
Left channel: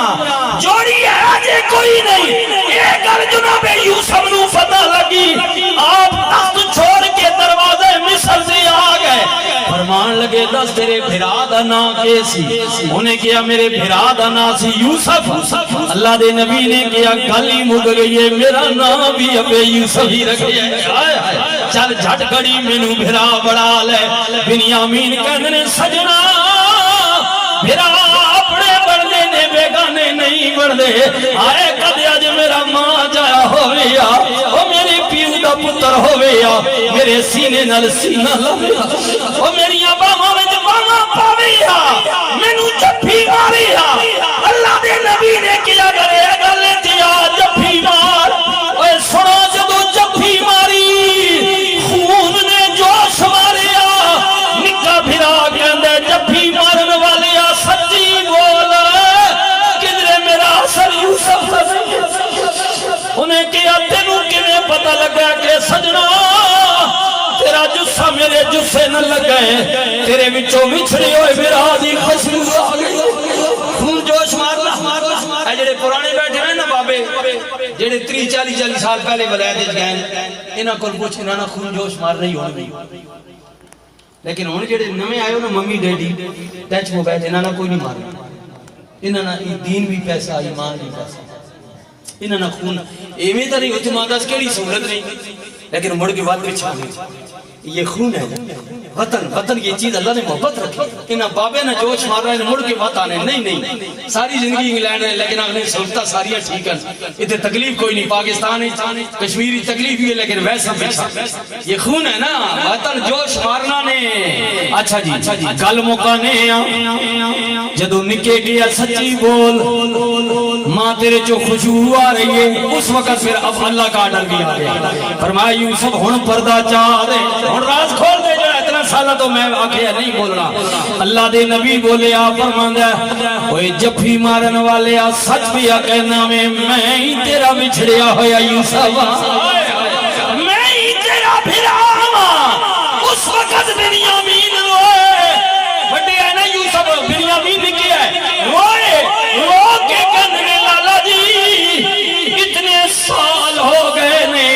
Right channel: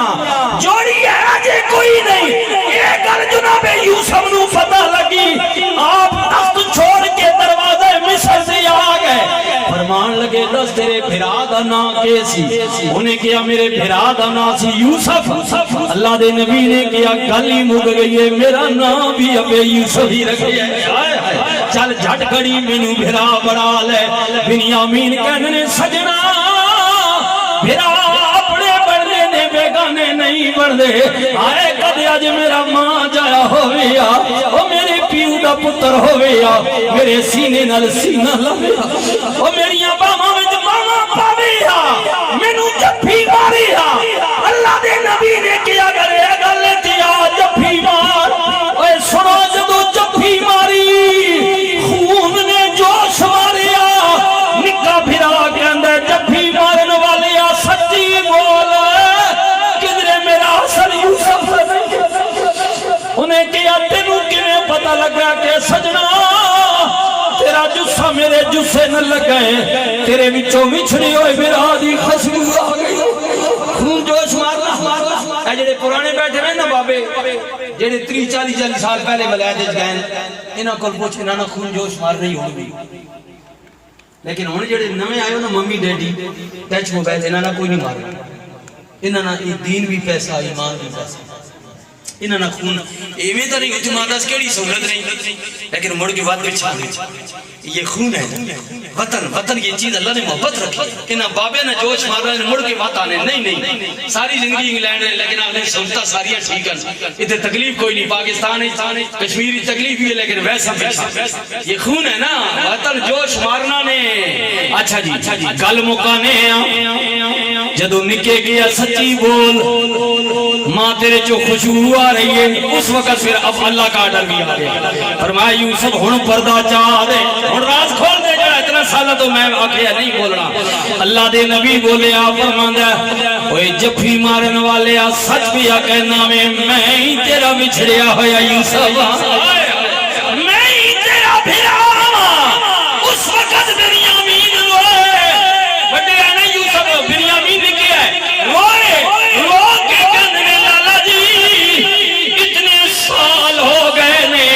جوڑی ہے آجے کوئی نہیں یہ گل جناب یوسف نو پتہ لگی آپ تخت چھوڑ کے دروازے مصر سے آ گئے فرمان لگے دس تیرے بھرا دا نا کیسی انہیں کیا میرے بھرا دا نا سی یوسف اللہ دے نبی نے کیا گلی مگ گئی ہے میرا نام بھی ابے یوسف ہی رکھ گیا چل جھٹ گڑی مینو بھرا بڑا لے بنیامین کہنے سجنا بھرا اپنے بڑھنے نے بیگانے نہیں بڑھنے آئے کد اج میرا ماں جایا ہویا او میرے پیو دا پتر ہویا میرے سینے نال سینہ لویا او میری باواں وچ باواں پاویا مینوں جفی ماریا اللہ دے نبی نے کیا کرے گل تے آ جفی مار اوے سنو جدوں جفی ماری خون نے جوش ماریا نکا پھرا کہندا جفی مارن والیا سچی بول کدھر میرا حسن یوسف انہیں کیا تینوں کیویں پتہ لگا کہ سجنا تیرا جسا میرے جسے نہ لگائے تیرے وچوں وچھڑی ہوئے میرا دی خسری آ گئی خون جوش مارنا اے جڑے پرانے بیٹھے ہوئے نا بابے جڑے 30-40 سال پہلے ولایت وچ گئے انہاں کول پوچھ انہاں نا خون جوش مار رہی ہونی لیکن ہن جڑے نویں آئے نا ممی ڈیڈی ٹچ موبائل انہاں نا کوئی نہیں مارنا انہاں نا دین بھی پیسہ ایمان بھی پیسہ انہاں نا خون ایویں تے نہیں جماعت اس کیڑی سہولت نہیں لیکن مڑ کے بعد وچ یہ خون ہے وطن یہ چیز اللہ نے محبت رکھی انہاں بابے نے جوش مار رہے ہیں مڑ کے بات آنے نہیں ساری زندگی انگلینڈ ہے لیکن اگلے سہولتاں ساریاں ٹھیک ہیں ادھر تکلیف کوئی نہیں پاکستان ہے کشمیری تکلیف بھی ہے لیکن ویسا یہ خون ہے نا وطن جوش مارنا نے اچھا جی گل مکانے جدو نکے گیا سچی بول ماں تیرے جو خوشبو آ رہی ہے اس وقت پھر اب اللہ کا آرڈر بھی آ گیا فرمایا یوسف ہن پردہ چاہ دے ہن راز کھول دے جا اتنا سالہ تو میں آکھیا نہیں بولنا اللہ دے نبی بولے آ فرماندا اوے جفی مارن والے آ سچ بھی آ کہنا میں ہی تیرا بچھڑیا ہویا یوسف میں ہی تیرا بھرا اس وقت بنیامین روئے بڑے آنے یوسف بنیامین نے کیا ہے روئے رو کے کہنے لالا جی اتنے سال ہو گئے نے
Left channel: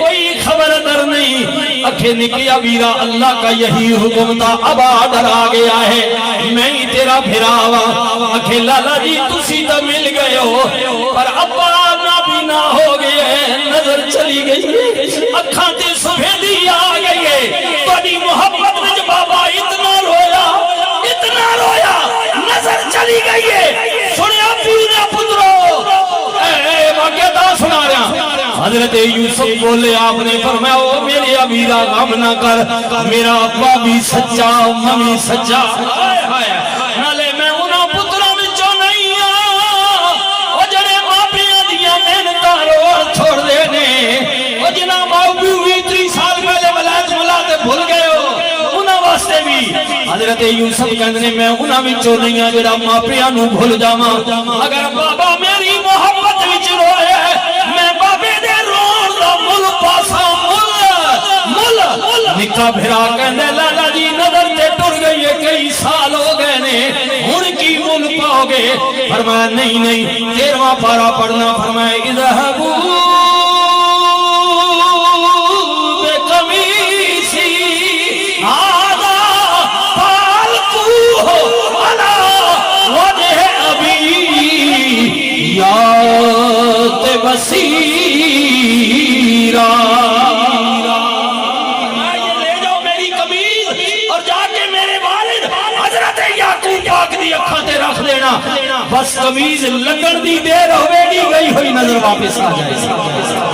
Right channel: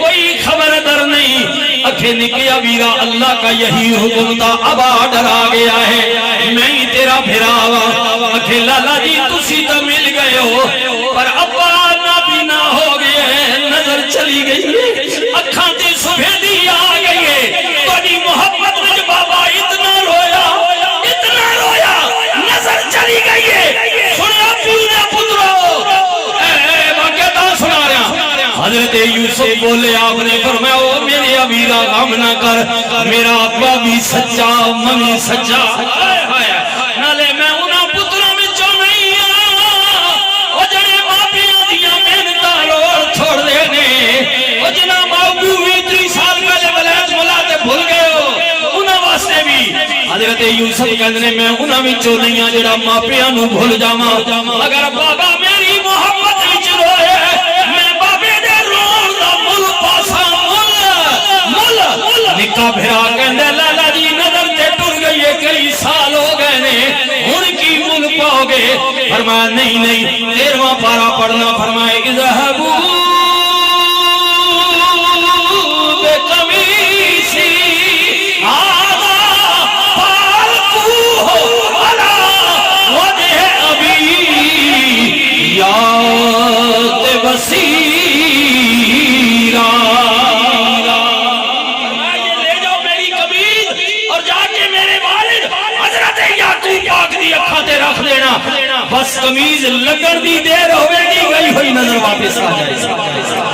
کوئی خبر در نہیں اکھے نکیا بیرا اللہ کا یہی حکم تھا اب آڈر آ گیا ہے میں ہی تیرا بھراوا اکھے لالا جی تسی تو مل گئے ہو پر ابا نابینا ہو گئے نظر چلی گئی اکھاں تے سفیدی آ گئی ہے تھوڑی محبت مجھ بابا اتنا رویا نظر چلی گئی ہے سنیا پینا پترو اے لگے دا سنا رہا حضرت یوسف بولے آپ نے فرمایا میرے ابیرا غم نہ کر میرا ابا بھی سچا ممی سچا نالے میں انہاں پتروں وچوں نہیں او جڑے ماپیاں دیاں محنتاں روڑ چھوڑ دے نے او جنہاں ماپیو 30 سال پہلے ولایت ملا تے بھول گئے ہو انہاں واسطے بھی حضرت یوسف کہندے میں انہاں وچوں نہیں ہاں جڑا ماپیاں نوں بھول جاواں اگر بابا میری محبت وچ روئے نکا بھرا کہندے لالا جی نظر تے ٹر گئی ہے کئی سال ہو گئے نے ہن کی مل پاؤ گے فرمایا نہیں 13واں پارا پڑھنا فرمایا اذهبوا بقمیصی هذا فالقوه على وجه ابی یات بصیرا رکھ دینا بس قمیض لگن دی دیر ہوئے گی گئی ہوئی نظر واپس آ جائے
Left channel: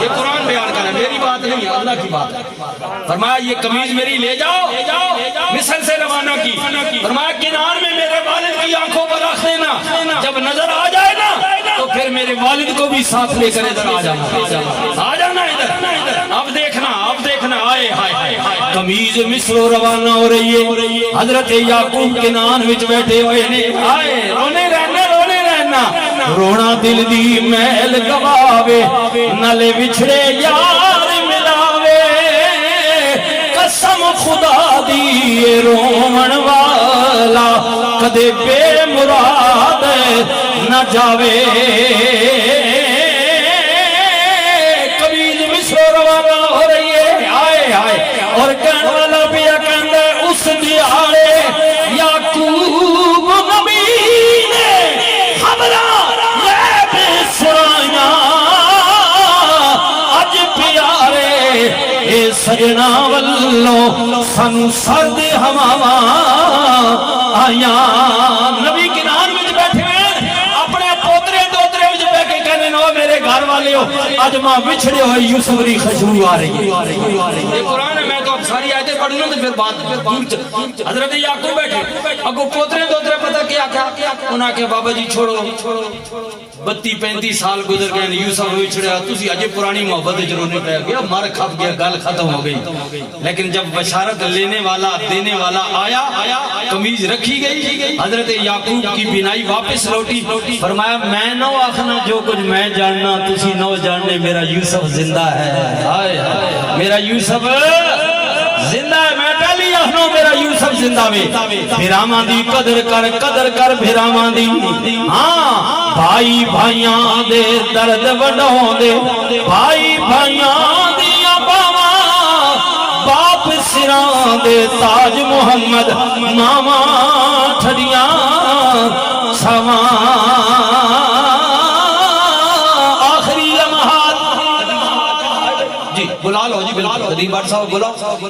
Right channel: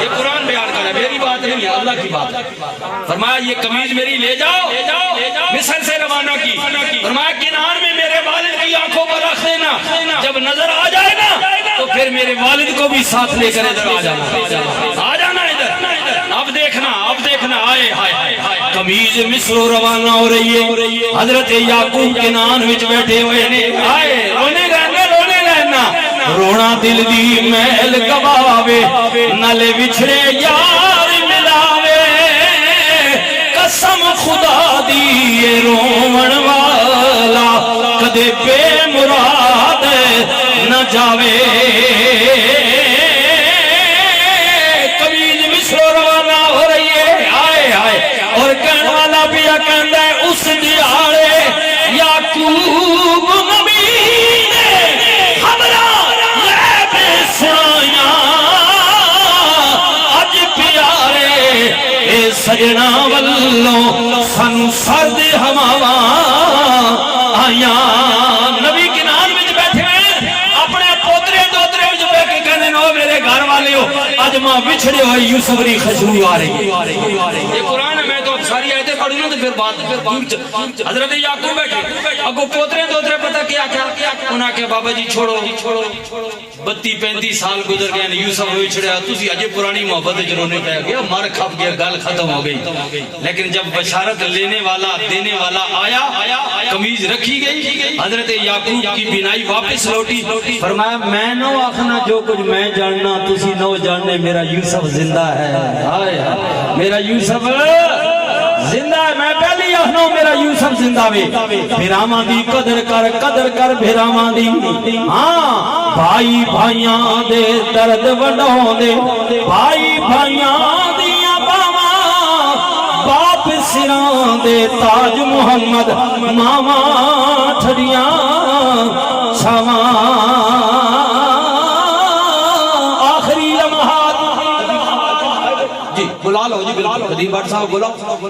یہ قرآن بیان کرے میری بات نہیں ہے اللہ کی بات فرمایا یہ قمیض میری لے جاؤ مصر سے روانہ کی فرمایا کنار میں میرے والد کی آنکھوں پر رکھ دینا جب نظر آ جائے نا تو پھر میرے والد کو بھی ساتھ لے کر ادھر آ جانا ادھر اب دیکھنا آئے قمیض مصر روانہ ہو رہی ہے حضرت یعقوب کنان وچ بیٹھے ہوئے نے آئے رونے رہنا رونا دل دی محل گواوے نالے بچھڑے یار ملاوے قسم خدا دی رومن والا کدے بے مراد نہ جاوے قمیض مصر روانہ ہو رہی ہے آئے اور کہنے والا بھی کہندا ہے اس دیارے یعقوب نبی نے خبراں لے بے سنایا اج پیارے اے سجنا والوں سن سرد ہواواں آیاں نبی اجما بچھڑے ہوئے یوسف کی خوشبو آ رہی ہے. یہ قرآن ہے. میں تو اب ساری آیتیں پڑھوں نا تو پھر بات حضرت یعقوب بیٹھے اگو پوترے دوترے پتہ کیا انہاں کے بابا جی چھوڑو 32-35 سال گزر گئے یوسف وچھڑیا تسی اجے پرانی محبت وچ رونے پے گیا مر کھپ گیا گل ختم ہو گئی. لیکن جب بشارت لینے والا دینے والا آیا قمیض رکھی گئی حضرت یعقوب کی بینائی واپس لوٹی. فرمایا میں نہ آخنا جو کچھ میں جاننا تسی نو جاننے میرا یوسف زندہ ہے. ہائے ہائے میرا یوسف زندہ ہے. میں پہلی آخنا میرا یوسف زندہ وے. بھراواں دی قدر کر بھراواں دی. ہاں بھائی بھائیاں دے درد وڈاؤں دے بھائی بھائیاں دیاں باواں باپ سراں دے تاج محمد ماواں ٹھڑیاں چھاواں آخری لمحات. جی بلا لو جی بالکل قدیم بٹ صاحب بلا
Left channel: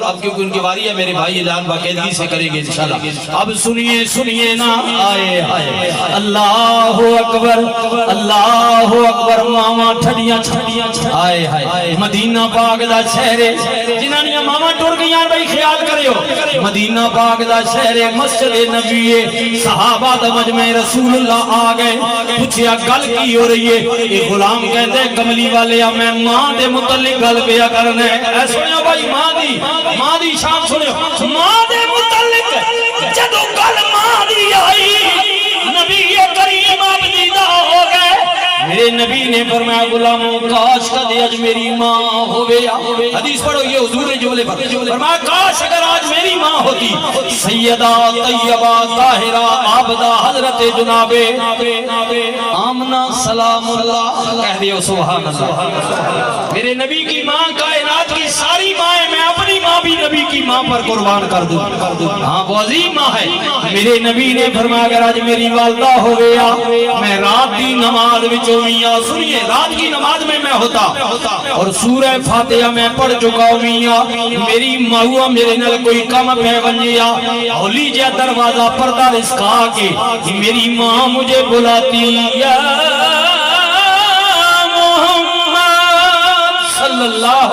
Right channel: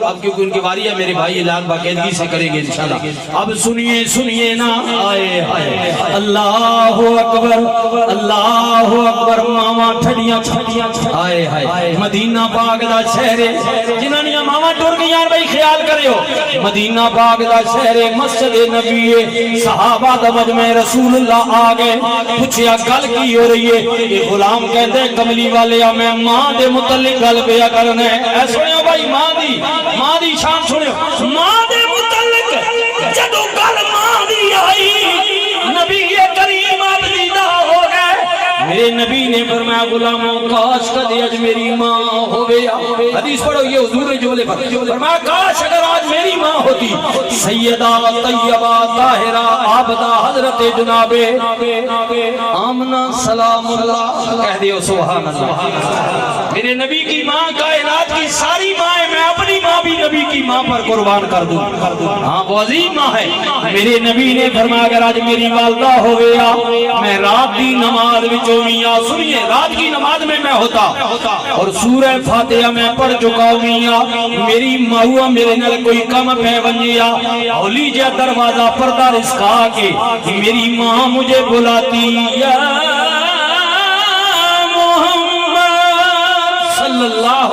اب کیونکہ ان کی باری ہے. میرے بھائی اعلان باقاعدگی سے کریں گے انشاءاللہ. اب سنیے نا آئے اللہ اکبر ماما ٹھڑیاں آئے ہائے مدینہ پاک دا شہر جنہاں نے ماما ٹر گئیاں بھائی خیال کریو. مدینہ پاک دا شہر مسجد نبی صحابہ دا مجمع رسول اللہ آ گئے. پوچھیا گل کی ہو رہی ہے. یہ غلام کہندے کملی والے میں ماں دے متعلق گل پیا کرنا ہے. اے سنو بھائی ماں دی شان سنو. ماں دے متعلق جدوں گل ماں دی آئی نبی کریم دیدہ ہو گئے. میرے نبی نے فرمایا غلاموں کاش کدی اج میری ماں ہویا. حدیث پڑھو یہ حضور نے جملے پر فرمایا کاش اگر آج میری ماں ہوتی سیدہ طیبہ طاہرہ عابدہ حضرت جناب آمنہ سلام اللہ کہہ دیو سبحان اللہ. میرے نبی کی ماں کائنات کی ساری ماں ہے. میں اپنی ماں بھی نبی کی ماں پر قربان کر دوں. ہاں وہ عظیم ماں ہے. میرے نبی نے فرمایا اگر آج میری والدہ ہو گیا میں رات کی نماز وچوں میاں سنیے رات کی نماز میں ہوتا اور سورہ فاتحہ میں پڑھ چکا ہوں. میری ماں میرے نال کوئی کم پہ ونجیا ہولی جے دروازہ پردہ رسکا کے میری ماں مجھے بلاتی یا محمد صلی اللہ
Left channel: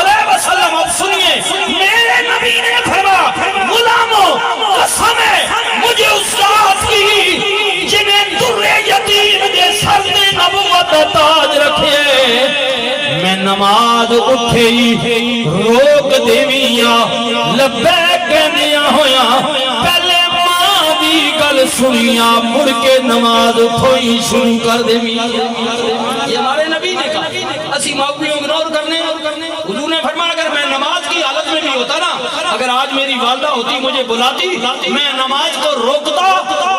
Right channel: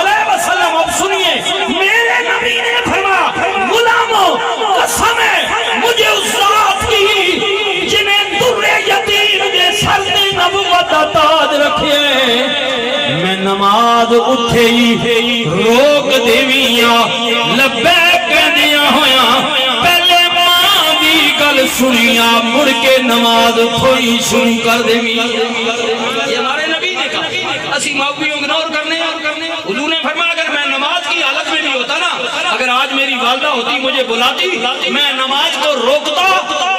علیہ وسلم. اب سنیے میرے نبی نے فرمایا غلاموں قسم ہے مجھے اس ذات کی جنہیں در یتیم دے سر دے نبوت تاج رکھے. میں نماز اٹھے ہی روک دیویاں لبیک دیا ہویا پہلے ماں دی گل سنیاں مڑ کے نماز اٹھوئی شروع کر دیویاں. یہ ہمارے نبی نے کہا اسی ماں بھی اگنور کرنے. حضور نے فرمایا اگر میں نماز کی حالت میں بھی ہوتا نا اگر آج میری والدہ ہوتی مجھے بلاتی میں نماز کو روکتا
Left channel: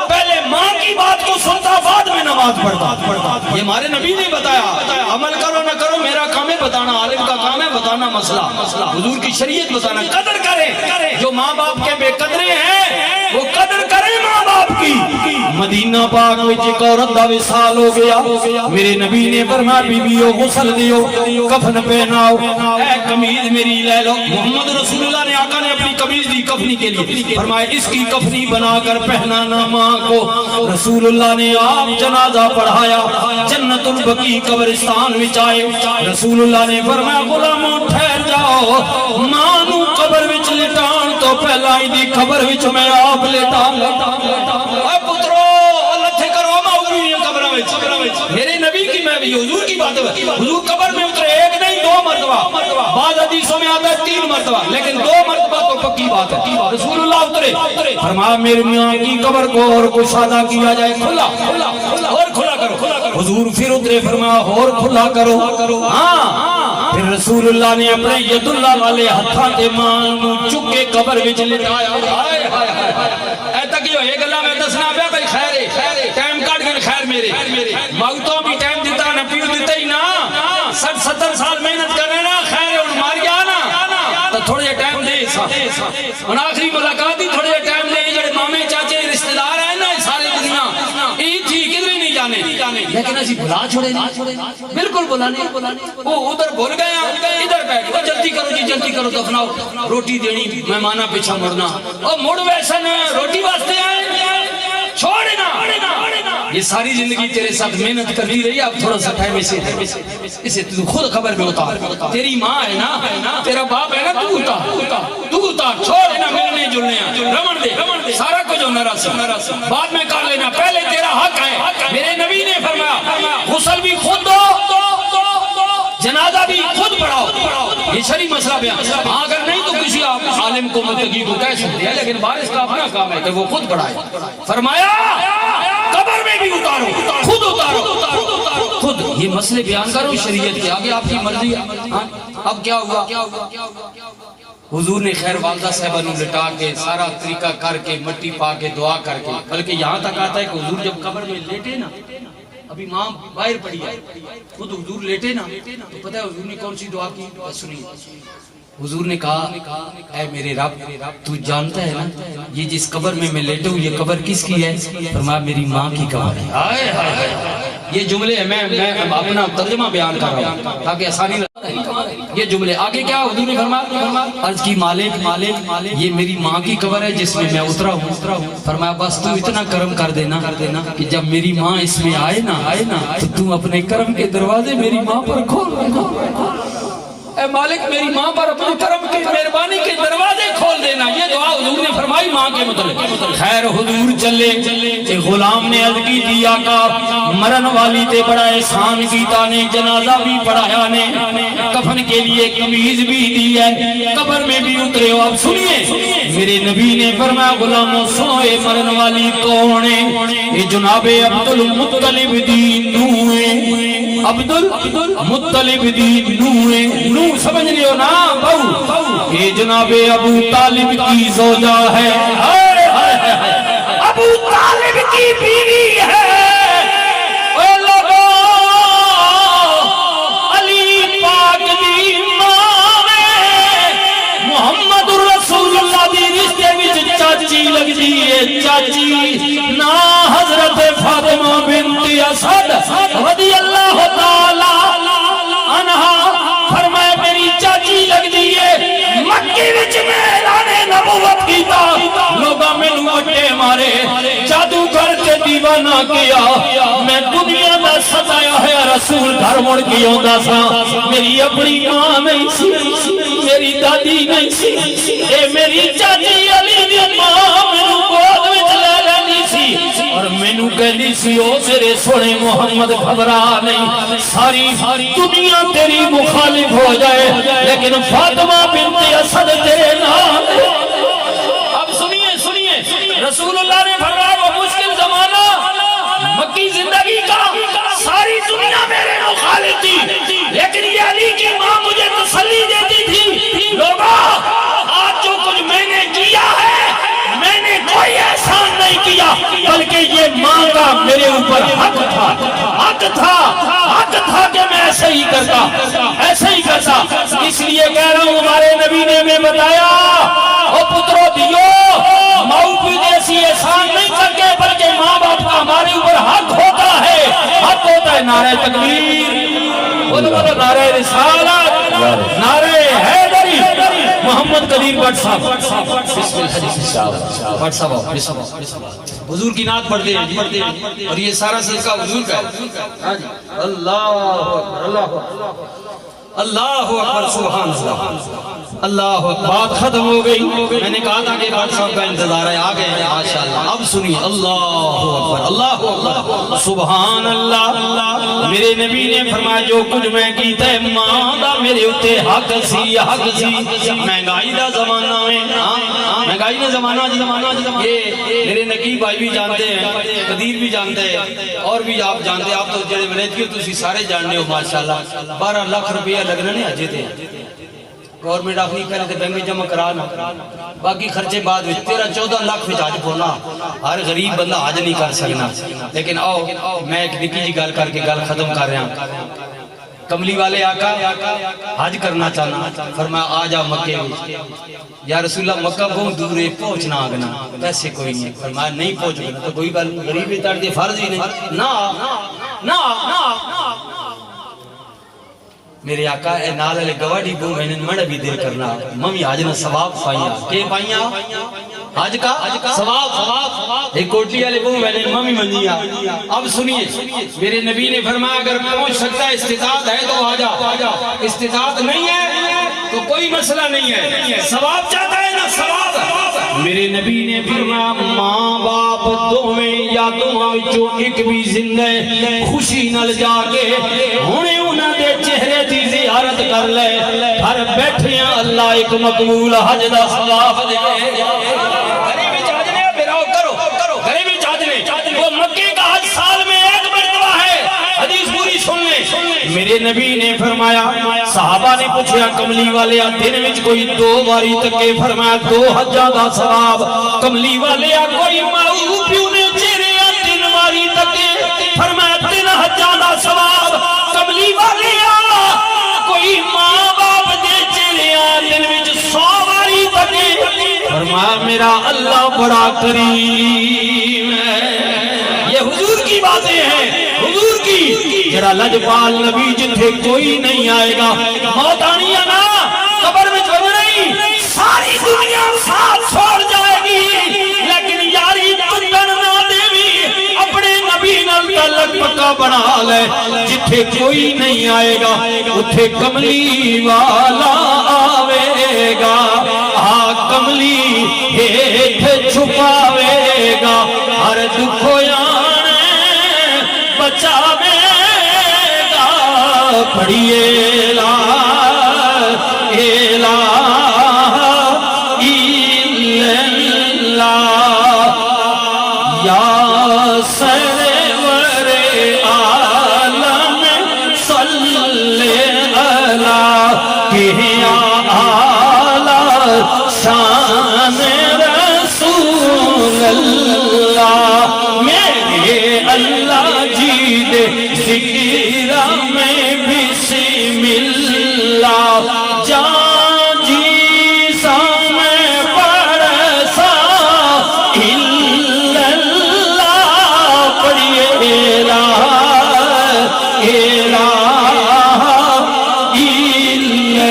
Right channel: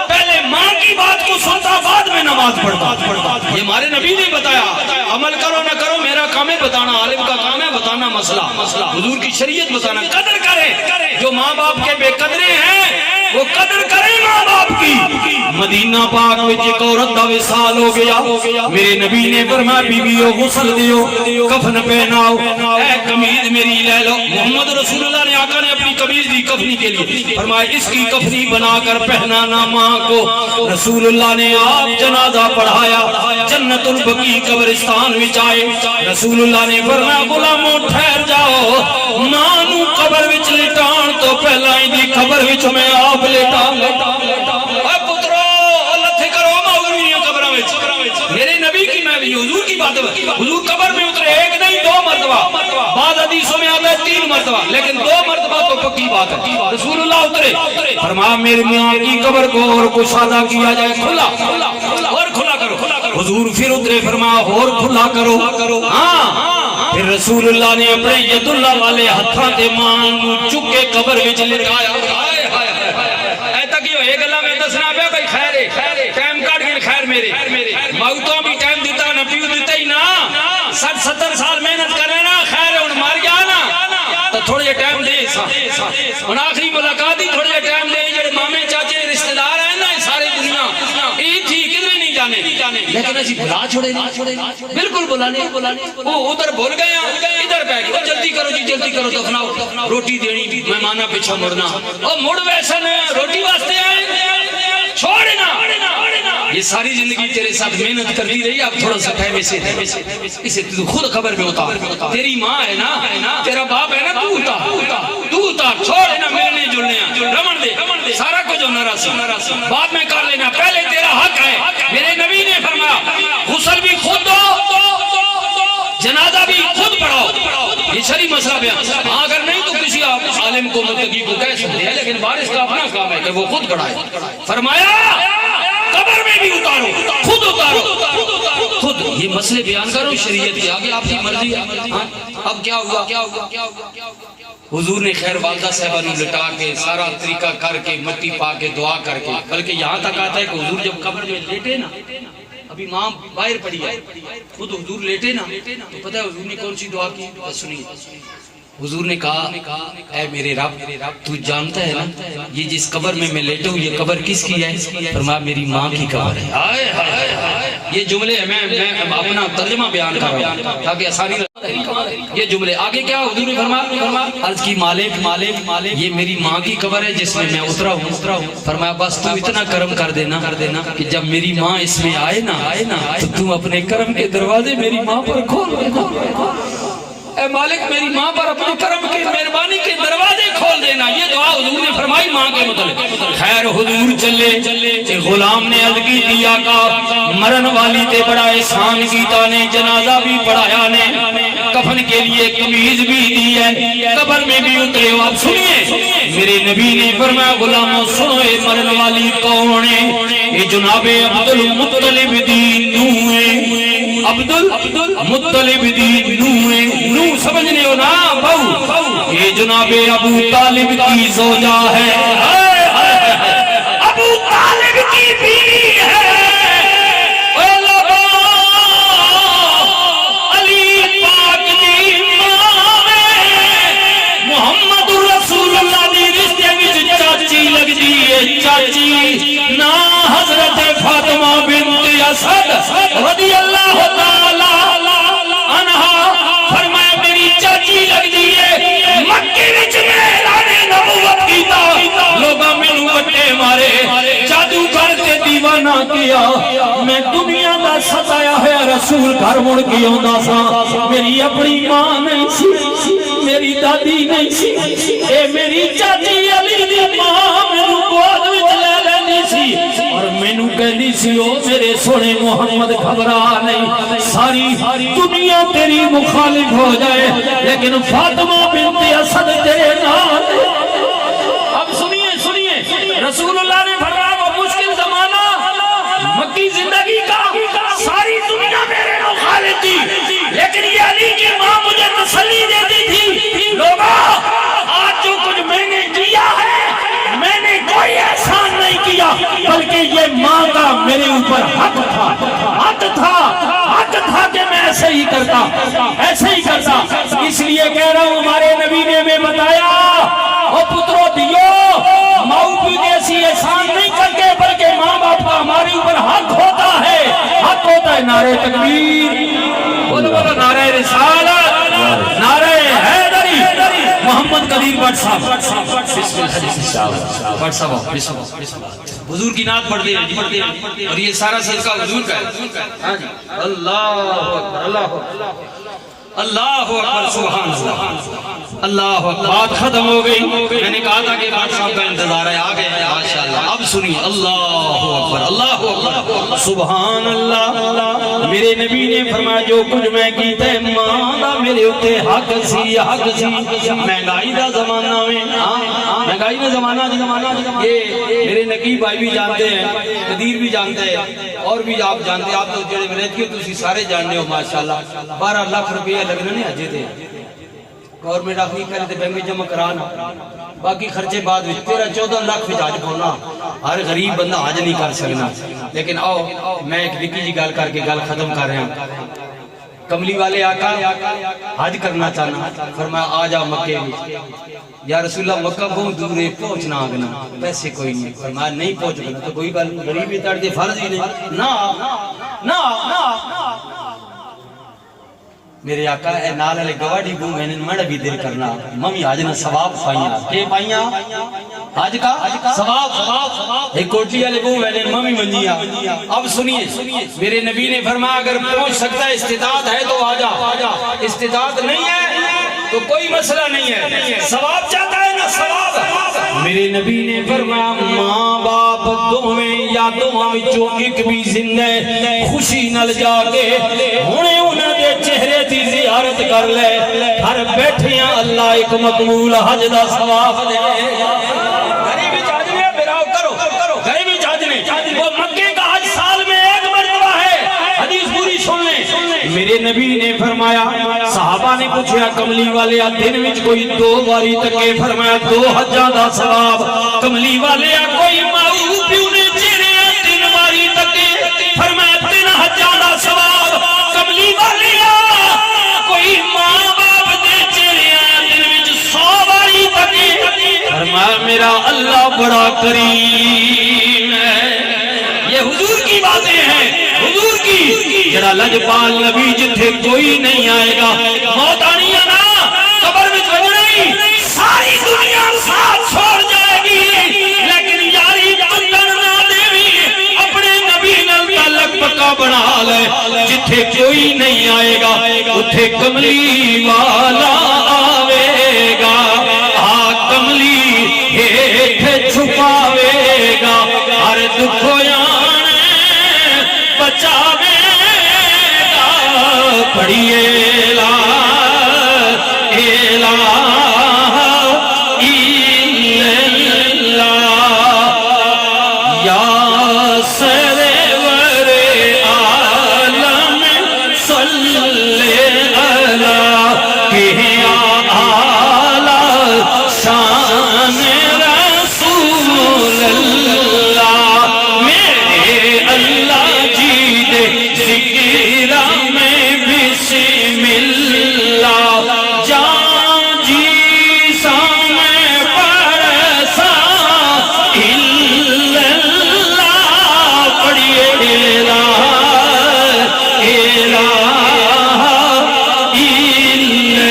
پہلے ماں کی بات کو سنتا بعد میں نماز پڑھتا. یہ ہمارے نبی نے بتایا. عمل کرو نہ کرو میرا کام ہے بتانا. عالم کا کام ہے بتانا مسئلہ. حضور کی شریعت بتانا. قدر کرے جو ماں باپ کے بے قدرے ہیں وہ قدر کرے ماں باپ کی. مدینہ پاک وچ ایک عورت دا وصال ہو گیا. میرے نبی نے فرمایا بیویو غسل دیو کفن پہناؤ اے قمیض میری لے لو. محمد رسول اللہ نے آقا نے اپنی قمیض دی کفنی کے لیے فرمایا اس کی کفنی بنا کر پہنانا ماں کو. رسول اللہ نے آپ جنازہ پڑھایا. جنت البقیع قبرستان وچ آئے. رسول اللہ نے فرمایا غلاموں ٹھہر جاؤ ماں نو قبر وچ لٹان تو پہلا ہی دی قبر وچ میں آپ لٹا. اے پترو لتھے کرو ماوری قبر وچ. میرے نبی کی میں بھی حضور کی بات ہے. حضور قبر میں اترے ایک نہیں 2 مرتبہ. بعض حدیثوں میں آتا ہے 3 مرتبہ لیکن 2 مرتبہ تو پکی بات ہے. رسول اللہ اترے فرمایا میری ماں کی قبر کو اور کشادہ کیا جائے کھلا اور کھلا کرو. حضور پھر اترے فرمایا اور کھلا کرو. ہاں پھر رسول اللہ نے اپنے ید اللہ والے ہتھاں تے ماں نو چک کے قبر وچ لٹایا. ایسا کیوں ایک گلا میں دسنا پیا بھائی خیر ہے ٹائم کٹ گئے. خیر میرے موتوں بھی ٹائم دیتا نہ پیو دیتا ہی نا 60-70 سال محنت کر رہے نا. خیر ہے ان مار گیا نا تو تھوڑے ٹائم دے ان آخری ملاقات ہی تھوڑے ٹائم دے. جڑے مامے چاچے رشتہ دار ہیں نا ساری دنیا یہ تھی کدھر نہیں جانے لیکن اسی بلا چھوڑے نہیں بالکل بلانے. وہ ادھر بھول گئے ادھر بیٹھ گئے. جلدی کرو جی جلدی کرو دفناؤ روٹی دینی مہمانہ پیچھا مڑنا. اور مڑ ویسے روٹی واسطے آئے چھوڑنا. یہ ساری زندگی تیرے ساتھ محنت کرتی رہی، اب تھوڑا سا ٹائم اسے تو خود خبر میں اتار. تیری ماں ہے نا، تیرا باپ ہے نا، تو اتار چھوڑ نا ملنے جلنے، رمن دے سارا کچھ ہمارا سی بعد میں کر لینا، پہلے تیرا حق ہے. میرے نبی نے فرمایا غسل بھی خود دو، جنازہ بھی خود پڑھاؤ. یہ شرعی مسئلہ بیان. اگر نہیں تو کسی عالم کو متقی کو طے سکتے ہیں، لیکن وارث کا اپنا کام ہے کہ وہ خود پڑھائے. فرمایا قبر میں بھی اتارو، خود اتارو، خود. یہ مسئلے بیان کرو شریعت کے آگے، آپ کی مرضی ہے. اب کیا ہوا؟ حضور نے خیر والدہ صاحبہ نے لٹا کے سارا طریقہ کر کے مٹی پا کے دعا کر کے، بلکہ یہاں تک آتا ہے کہ حضور جب قبر میں لیٹے نا، ابھی ماں باہر پڑی ہے، خود حضور لیٹے نا، تو پتہ ہے حضور نے کون سی دعا کی؟ سنیے. حضور نے کہا اے میرے رب، تو جانتا ہے نا یہ جس قبر میں لیٹا ہوں یہ قبر کس کی ہے؟ فرمایا میری ماں کی قبر ہے. یہ جملے میں اپنا ترجمہ بیان کر رہا ہوں تاکہ آسانی لگے. یہ جملے آگے کیا حضور نے فرمایا؟ عرض کی مالک یہ میری ماں کی قبر ہے جس میں میں اترا ہوں. فرمایا بس تو اتنا کرم کر دینا کہ جب میری ماں اس میں آئے نا تو اپنے کرم کے دروازے میری ماں پر کھول. اے مالک میری ماں پر اپنے کرم کے مہربانی کے دروازے کھول دینا. یہ دعا حضور نے فرمائی ماں کے متعلق. خیر حضور چلے کہ غلام نے عرض کی دیا کا مرن والی تے بڑا احسان کیتا نے، جنازہ بھی پڑھایا نے، کفن کے لیے قمیض بھی دی ہے، قبر میں بھی اترے ہو. اب سنیے میرے نبی نے فرمایا غلاموں سنو یہ مرن والی کون ہے؟ یہ جناب عبد المطلب دی نوح ہے. عبد المطلب دی نوح ہے. نوح سمجھنے ہو نا بہو، یہ جناب ابو طالب کی زوجہ ہے، ابو طالب کی بیوی ہے. علی پاک دی ماں محمد رسول اللہ دی رشتے وچ چاچی لگدی ہے. چاچی نا حضرت فاطمہ بنت اسد رضی اللہ تعالی عنہا. فرمایا میری چاچی لگدی ہے. مکے وچ اعلان نبوت کیتا، لوگاں مینوں وٹے مارے، جادو کر کے دیوانہ کیا. میں دنیا دا ستایا ہوا رسول گھر مڑ کے آندا سا. میری اپنی ماں نہیں سی، میری دادی نہیں سی، اے میری چاچی علی دی ماں مینوں گود وچ لے لینی سی اور مینوں کہندی سی او میرے سونے محمد گھبرا نہیں، ساری دنیا تیری مخالف ہو جائے لیکن فاطمہ بنت اسد تیرے نام. اب سنیے رسول اللہ نے فرمایا وہ مشکل زمانہ مکی زندگی کا، ساری دنیا میرے مخالف تھی لیکن یہ علی کی ماں مجھے تسلی دیتی تھی. لوگوں آج جو کچھ میں نے کیا ہے میں نے کوئی احسان نہیں کیا، بلکہ یہ ماں کا میرے اوپر حق تھا کہ میں ایسے ہی کرتا. اس لیے کہہ رہا ہوں ہمارے نبی نے ہمیں بتایا او پترو دیو ماؤ بھی جیسی احسان نہیں کرتے بلکہ ماں باپ کا ہمارے اوپر حق ہوتا ہے. نعرہ تکبیر، بولو نعرہ رسالت، نعرہ حیدری. محمد قدیر بٹ صاحب حضور کی نعت پڑھتے ہیں اور یہ سارا صدقہ حضور کا ہے. اللہ اکبر اللہ اکبر سبحان اللہ اللہ اکبر. بات ختم ہو گئی. میں نے کہا تھا کہ بٹ صاحب کا انتظار ہے، آ گئے ہیں ماشاءاللہ. اب سنیے اللہ اکبر سبحان اللہ. میرے نبی نے فرمایا جو کچھ میں کیتا ہے ماں دا میرے اتے حق سی. مہنگائی دا زمانہ یہ میرے نقیب بھائی بھی جانتے ہیں، قدیر بھی جانتے ہیں اور بھی آپ جانتے ہیں. آپ تو جڑے ولایت کے تسی سارے جاننے ہو ماشاءاللہ. 12 لاکھ روپیہ لگنا نہیں اجے تے گورنمنٹ آخری پہلے تے بینک جمع کرانا، باقی خرچے بعد 13-14 لاکھ وچ حج کھولنا. ہر غریب بندہ حج نہیں کر سکنا. لیکن آؤ میں ایک نکی جی گل کر کے گل ختم کر رہا ہوں. کملی والے آقا حج کرنا چاہنا، فرمایا آ جا مکے میں. یا رسول اللہ مکہ بہت دور ہے، پہنچنا آگنا، پیسے کوئی نہیں. فرمایا نہیں پہنچ گئے تو کوئی بات غریب میں تڑ دے فرض ہی نہیں. نہ میرے آقا اے نال علی گواڑی کو میں نے مڑا بھی دل کرنا ممی آج نے ثواب پائیاں کہ پائیاں آج کا ثواب ایک کوٹی والے کو میں نے ممی منجیا. اب سنیے میرے نبی نے فرمایا اگر پہنچ سکتا ہے استطاعت ہے تو آجا, استطاعت نہیں ہے تو کوئی مسئلہ نہیں ہے, ثواب چاہتا ہے نا ثواب. میرے نبی نے فرمایا ماں باپ دوویں یا دوواں وچوں ایک بھی زندہ خوشی نال جا کے ہنے انہاں دے چہرے دی زیارت کر لے, ہر بیٹھیاں اللہ ایک مقبول حج دا ثواب دے. غریبی چاہجنے میرا کرو غریبی چاہجنے وہ مکے کا حج سال میں ایک مرتبہ ہے. حدیث پوری سن لیں. میرے نبی نے فرمایا صحابہ نے پوچھا کملی والے دن وچ کوئی 2 باری تکے, فرمایا 2 حجاں دا ثواب. کملی والے کوئی ماؤ پیو نے چہرے 3 باری تکے, فرمایا 3 حجاں دا ثواب. کملی والے کوئی ماں باپ دے چہرے دن وچ 100 باری تکے, فرمایا میرا اللہ بڑا کریم ہے. یہ حضور کی باتیں ہیں, حضور کی. جڑا لجپال نبی جتھے کوئی نہیں آئے گا, موت آنی ہے نا قبر میں جب نہیں, ساری دنیا ساتھ چھوڑ جائے گی, لیکن یاری چندن نہ دیوی اپنے نبی نال تعلق پکا بنا لے. جتھے کوئی نہیں آئے گا اتھے کملی والا آوے گا, کملی ہیٹھ چھپاوے گا, ہر دکھ آنے بچاوے گا. پڑھیے لا الہ الا اللہ یا سرور عالم صلی اللہ کہ اعلی شان رسول اللہ. میرے اللہ جی دے ذکر میں بسم اللہ, جان جی سامنے پرسا الا اللہ. پڑھیے الہ الا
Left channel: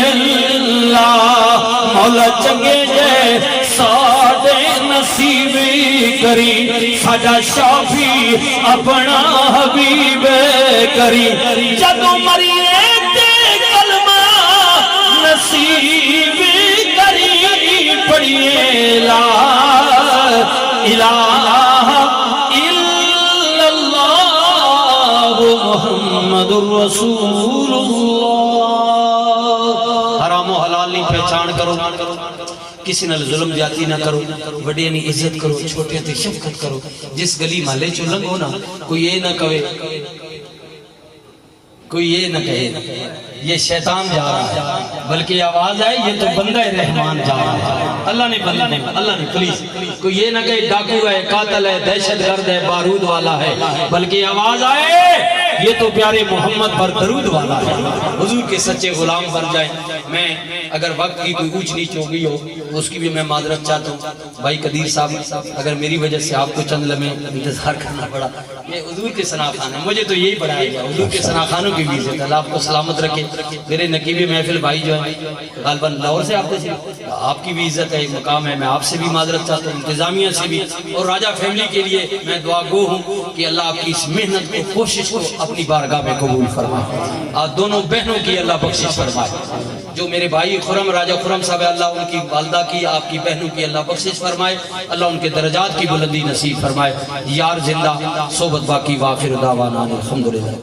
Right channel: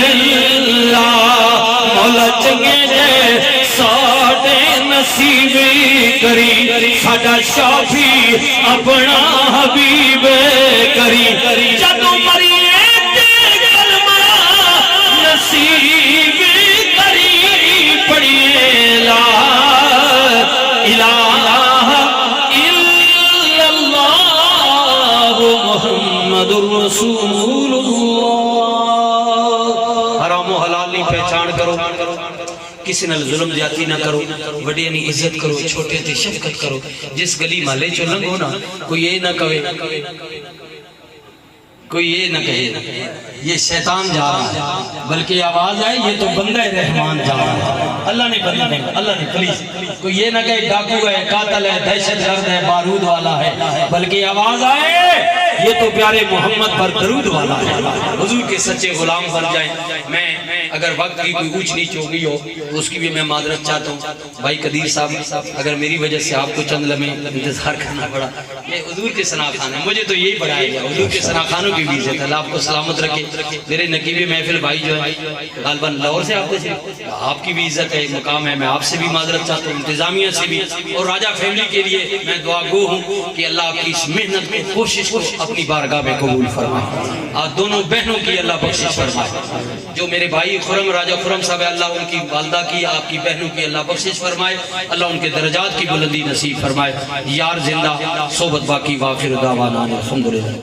اللہ. مولا چنگے جے ساڈے نصیب کری, ساڈا شافی اپنا حبیب کری. جدوں مریے تے کلمہ نصیب کری. پڑھیے لا الہ الا اللہ محمد رسول اللہ. حرام و حلال نہیں پہچان کرو, کسی نال ظلم زیادتی نہ کرو, بڑے نہیں عزت کرو, چھوٹے تے شفقت کرو. جس گلی محلے چو لنگو نا کوئی یہ نہ کہے, کوئی یہ نہ کہے یہ شیطان جا رہا ہے, بلکہ آواز آئے یہ تو بندہ رحمان جا رہا ہے. اللہ نے بندہ, اللہ نے پلیز کوئی یہ نہ کہے ڈاکو ہے, قاتل ہے, دہشت گرد ہے, بارود والا ہے, بلکہ آواز آئے یہ تو پیارے محمد پر درود والا ہے. حضور کے سچے غلام بن جائے. میں اگر وقت کی کوئی اونچ نیچ ہو گئی ہو اس کی بھی میں معذرت چاہتا ہوں. بھائی قدیر صاحب اگر میری وجہ سے آپ کو چند لمحے انتظار کرنا پڑا, یہ حضور کے ثنا خان ہے, مجھے تو یہی پڑھایا گیا. حضور کے ثنا خانوں کی بھی عزت, اللہ آپ کو سلامت رکھے. میرے نقیب محفل بھائی جو ہے غالباً لاہور سے آپ سے, آپ کی بھی عزت ہے, مقام ہے. میں آپ سے بھی معذرت چاہتا ہوں, انتظامیہ سے بھی, اور راجہ فیملی کے لیے میں دعا گو ہوں کہ اللہ آپ کی اس محنت کو, کوشش کو اپنی بارگاہ میں قبول فرمائے. اور دونوں بہنوں کی اللہ بخشش فرمائے. جو میرے بھائی خرم, راجہ خرم صاحب ہے, اللہ ان کی والدہ کی, آپ کی بہنوں کی اللہ بخشش فرمائے. اللہ ان کے درجات کی بلندی نصیب فرمائے. یار زندہ, صحبت باقی, وآخر دعوانا الحمدللہ.